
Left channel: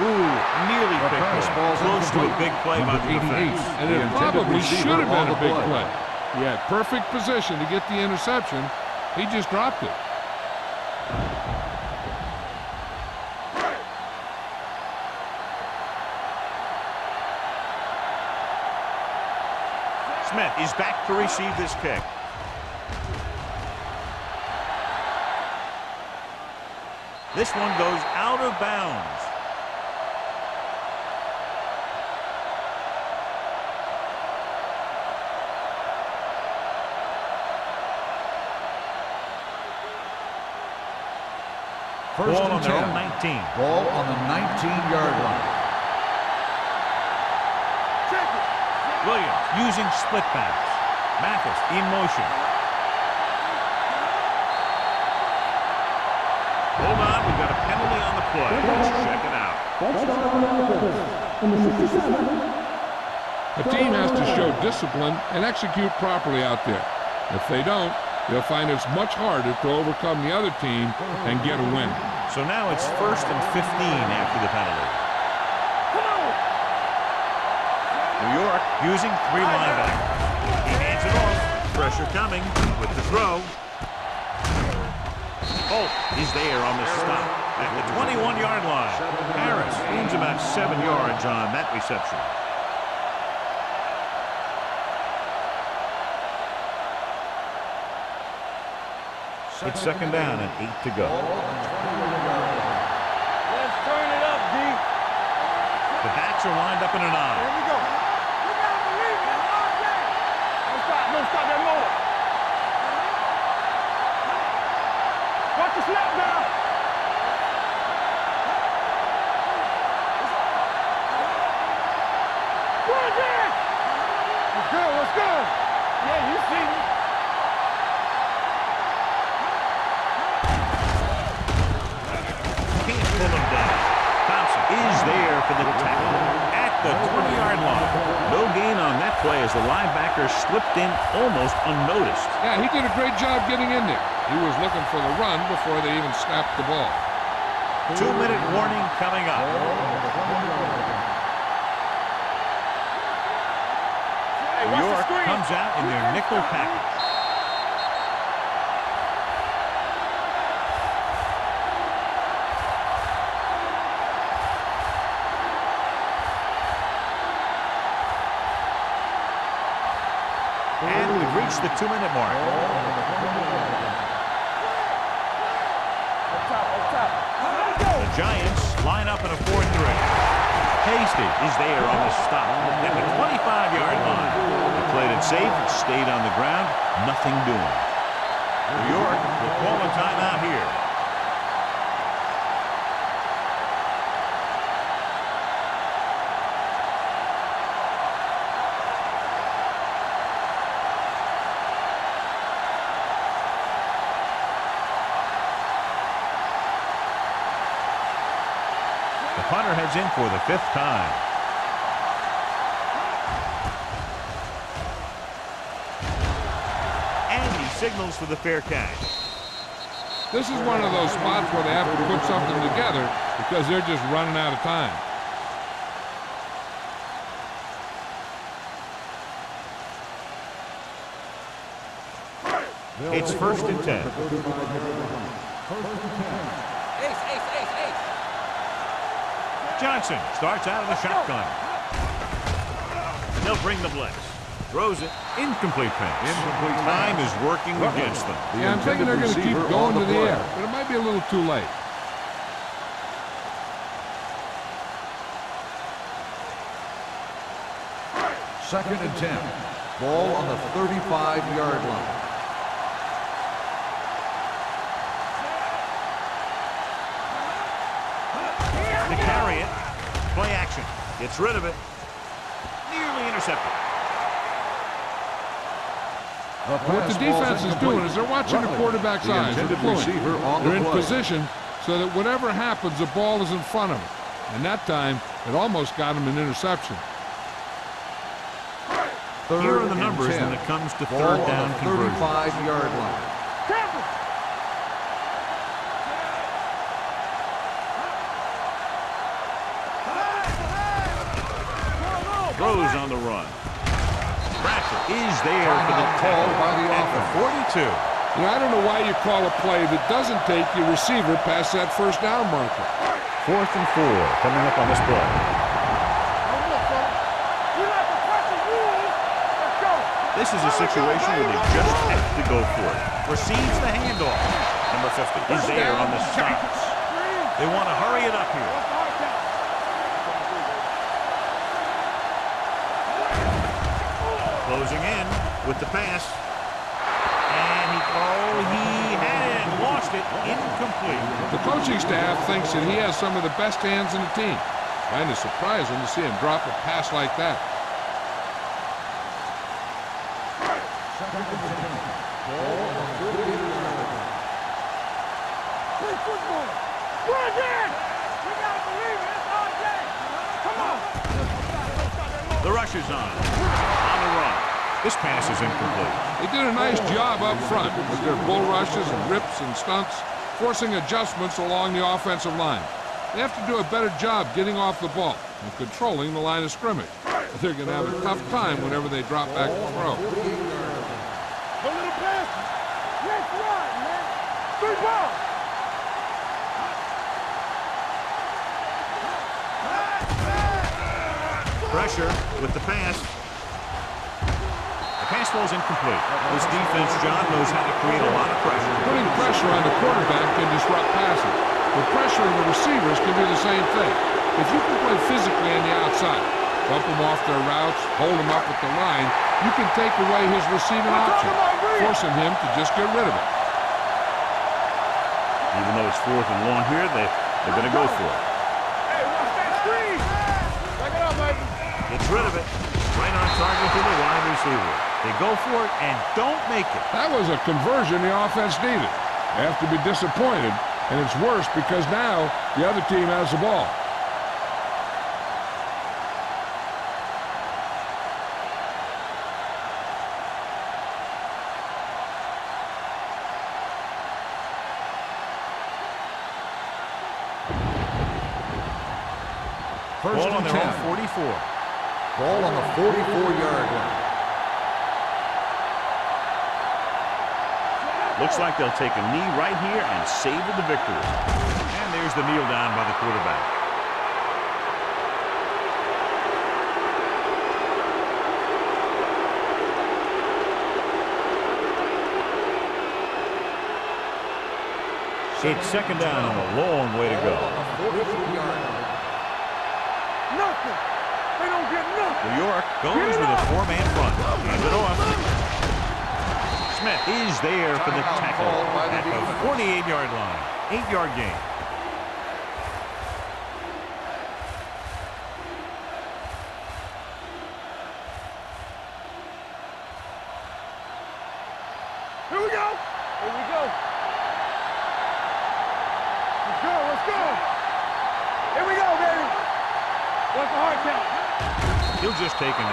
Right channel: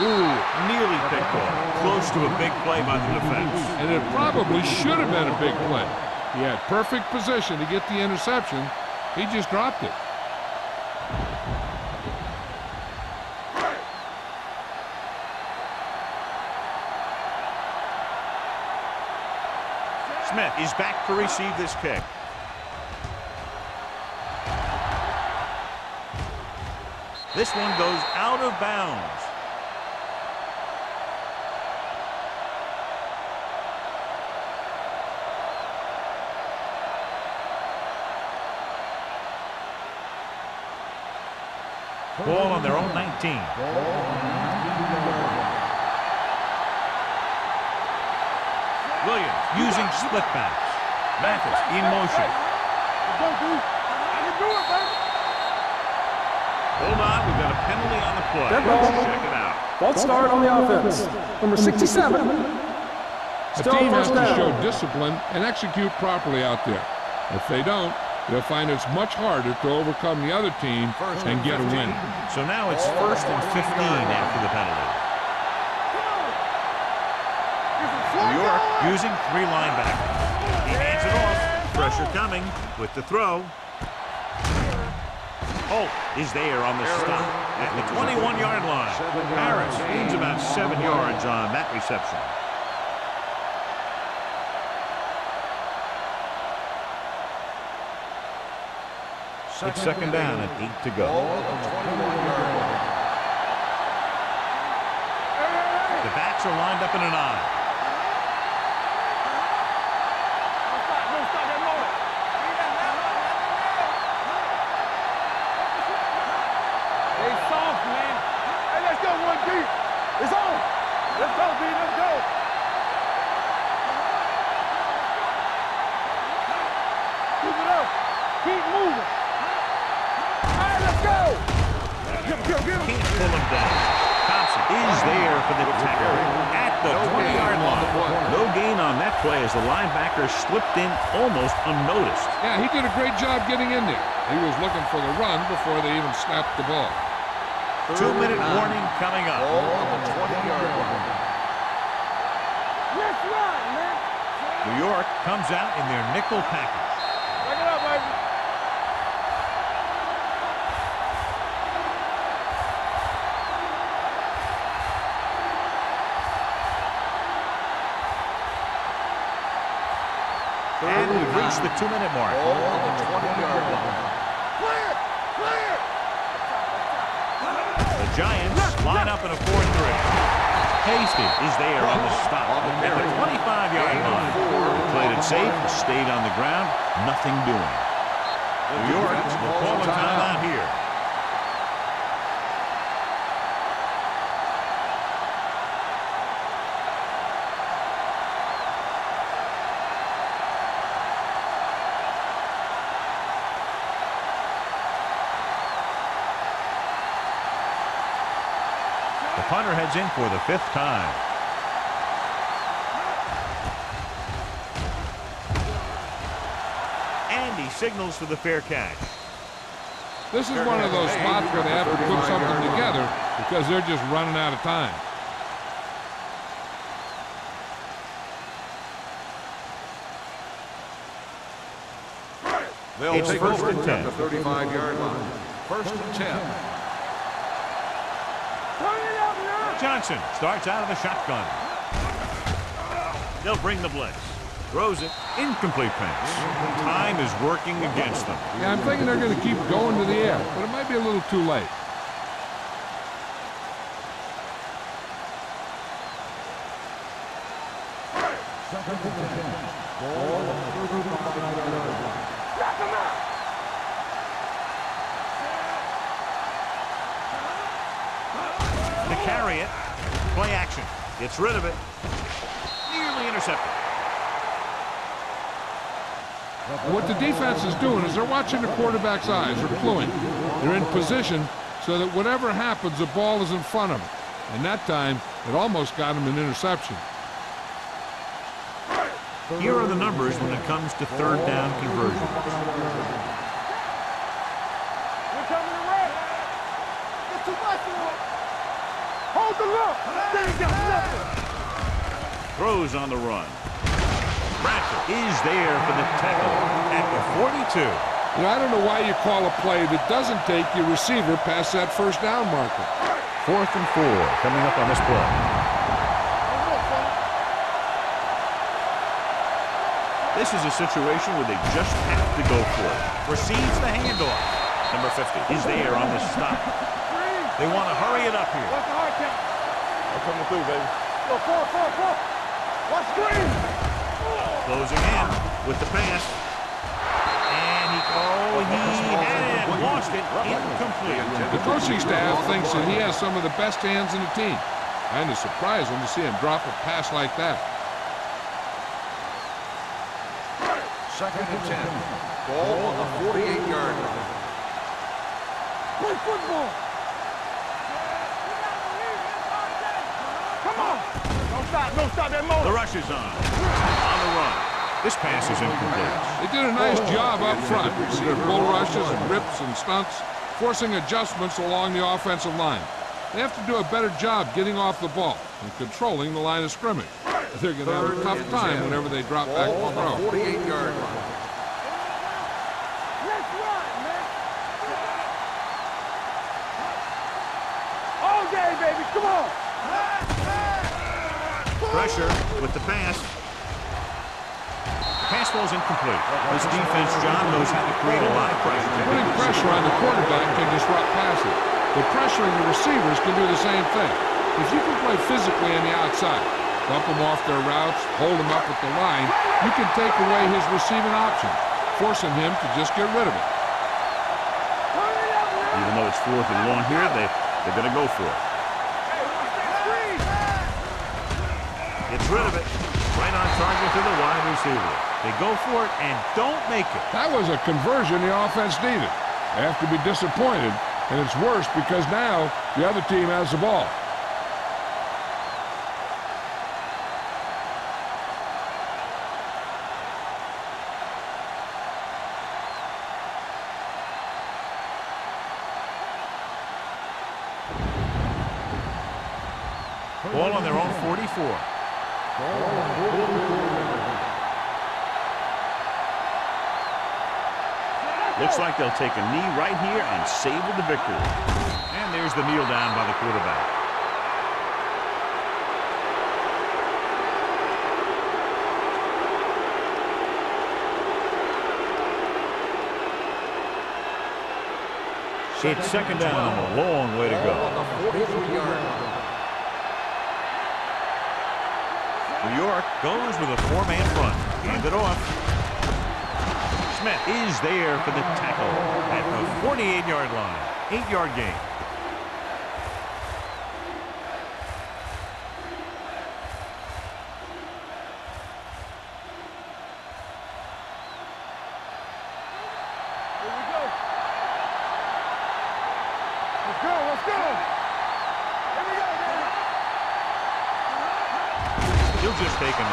Ooh, nearly picked off. Close to a big play by the defense. And it probably should have been a big play. He had perfect position to get the interception. He just dropped it. Smith is back to receive this kick. This one goes out of bounds. Ball on their own 19. Ball on the 19-yard line. Williams using split backs. Mathis in motion. Hold on, we've got a penalty on the play. Let's check it out. False start on the offense. Number 67. A team has to show discipline and execute properly out there. If they don't, they'll find it's much harder to overcome the other team and get a win. So now it's 1st and 15 after the penalty. New York using 3 linebackers. He hands it off. Pressure coming with the throw. Holt is there on the stop at the 21-yard line. Harris gains about 7 yards on that reception. It's second down and 8 to go. Ball on the 21-yard line. The backs are lined up in an I. Don't stop that motor. Watch the snap down. It's off, man. Hey, let's go, 1 deep. It's on. Let's go, D. Let's go. Good, man. Let's go. Let's go. Yeah, you see it. Keep it up. Keep moving. Hey, let's go. Can't pull him down. Thompson is there for the tackle at the 20-yard line. No gain on that play as the linebacker slipped in almost unnoticed. Yeah, he did a great job getting in there. He was looking for the run before they even snapped the ball. 2-minute warning coming up. New York comes out in their nickel package. And we've reached the 2-minute mark. The Giants line up in a 4-3. Hasty is there on the stop at the 25-yard line. They played it safe, stayed on the ground, nothing doing. New York will call a timeout here. The punter heads in for the 5th time. And he signals for the fair catch. This is one of those spots where they have to put something together because they're just running out of time. It's 1st and 10. 35-yard line. 1st and 10. Johnson starts out of the shotgun. They'll bring the blitz. Throws it. Incomplete pass. Time is working against them. Yeah, I'm thinking they're going to keep going to the air, but it might be a little too late. Second and 10. Ball on the 35-yard line. To carry it. Play action. Gets rid of it. Nearly intercepted. What the defense is doing is they're watching the quarterback's eyes. They're cluing. They're in position so that whatever happens, the ball is in front of them. And that time, it almost got him an interception. Here are the numbers when it comes to 3rd down conversions. 35-yard line. Throws on the run. Bradford is there for the tackle at the 42. You know, I don't know why you call a play that doesn't take your receiver past that 1st down marker. 4th and 4 coming up on this play. This is a situation where they just have to go for it. Receives the handoff. Number 50 is there on the stops. They want to hurry it up here. What's the hard count? I'm coming through, baby. Closing in with the pass. And he had it and lost it. Incomplete. The coaching staff thinks that he has some of the best hands in the team. Kind of surprising to see him drop a pass like that. Second and 10. Ball on the 48-yard line. Play football. We're there. We got to believe it. It's our day. Come on. Don't stop that motor. The rush is on the run. This pass is incomplete. They did a nice job up front with their bull rushes and rips and stunts, forcing adjustments along the offensive line. They have to do a better job getting off the ball and controlling the line of scrimmage. They're going to have a tough time whenever they drop back to throw. 48-yard line. Let's run, man. Good ball. All day, baby. Come on. Pressure with the pass. The fastball's incomplete. This defense, John, knows how to create a lot of pressure. Putting pressure on the quarterback can disrupt passes, but pressuring the receivers can do the same thing. If you can play physically on the outside, bump them off their routes, hold them up at the line, you can take away his receiving options, forcing him to just get rid of it. Even though it's 4th and long here, they're going to go for it. Hey, watch that screen! Gets rid of it. Right on target to the wide receiver. They go for it and don't make it. That was a conversion the offense needed. They have to be disappointed, and it's worse because now the other team has the ball. Ball on their own 44. Ball on the 44-yard line. Looks like they'll take a knee right here and savor the victory. And there's the kneel down by the quarterback. It's 2nd down and a long way to go. Ball on the 43-yard line. New York goes with a 4-man front. Hand it off. Smith is there for the tackle at the 48-yard line. 8-yard gain. Here we go. Here we go. Let's go. Let's go. Here we go, baby. What's the hard count? He'll just take a knee.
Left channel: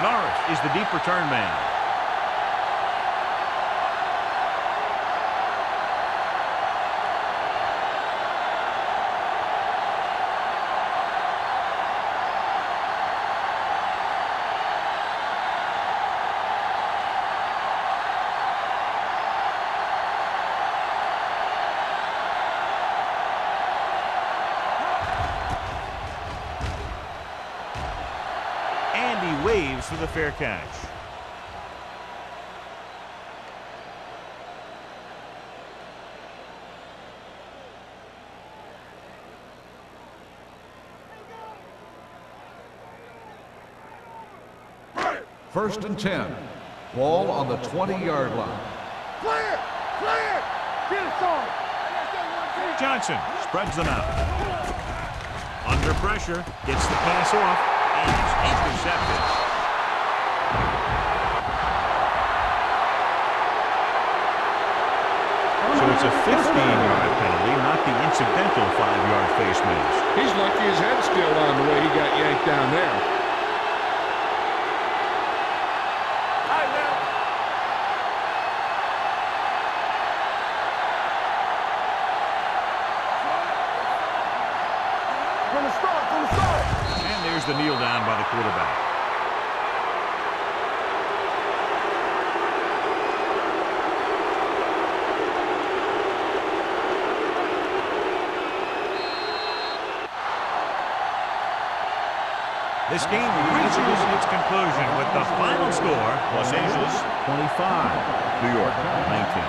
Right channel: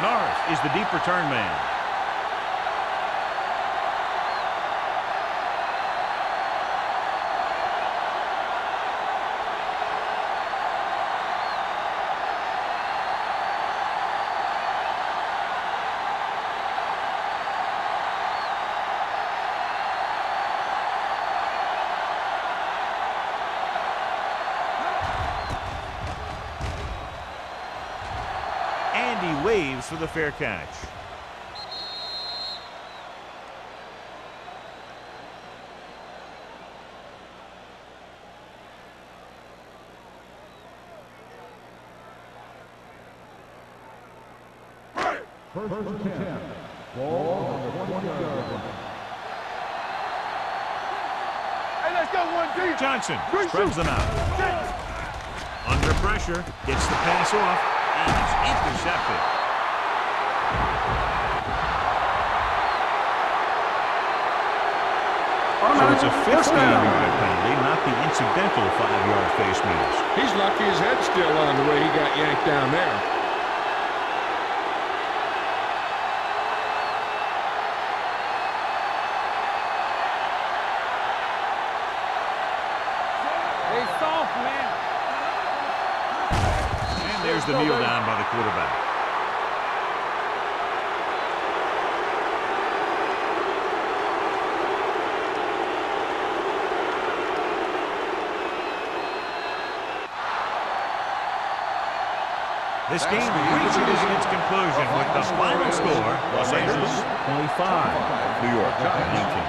Norris is the deep return man. And he waves for the fair catch. First and 10. Ball on the 20-yard line. Clear! Clear! Get it, Tom! Hey, let's go one deep! Johnson spreads them out. Under pressure, gets the pass off, and it's intercepted. So it's a 15-yard penalty, not the incidental 5-yard face mask. He's lucky his head's still on the way he got yanked down there. And there's the kneel down by the quarterback. This game reaches its conclusion with the final score, Los Angeles 25, New York 19.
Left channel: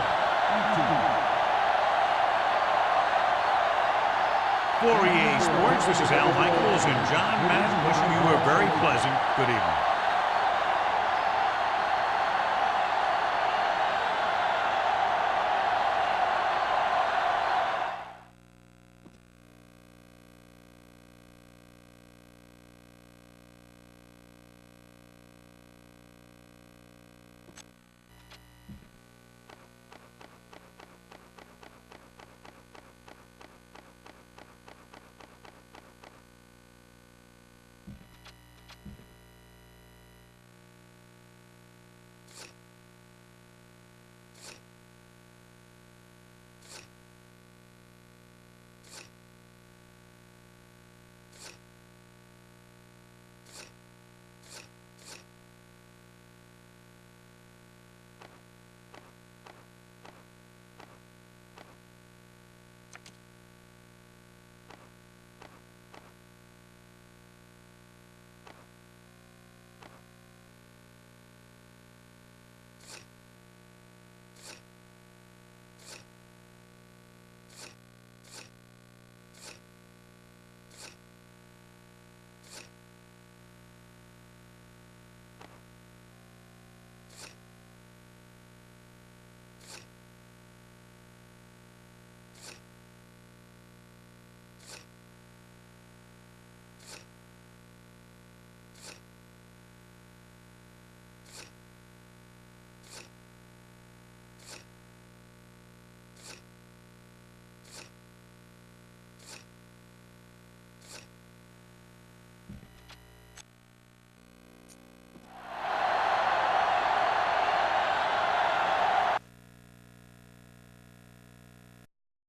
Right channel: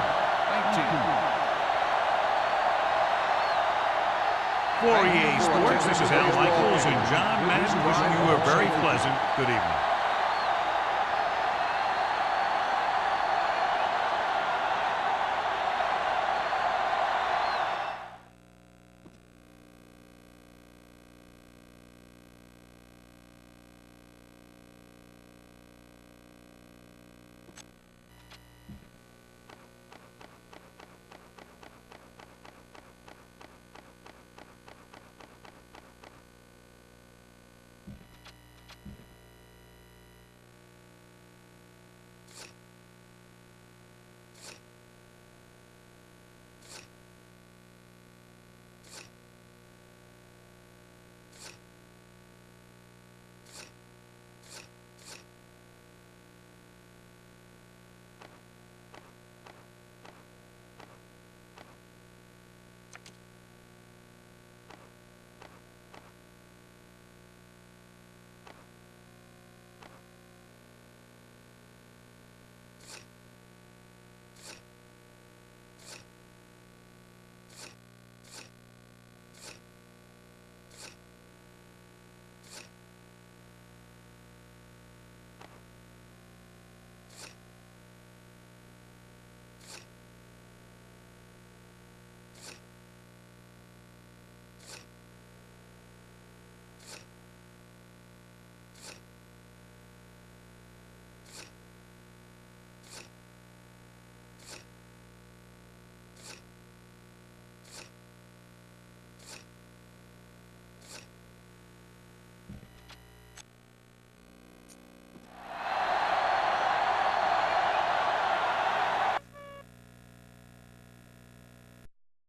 For EA Sports, this is Al Michaels and John Madden wishing you a very pleasant good evening.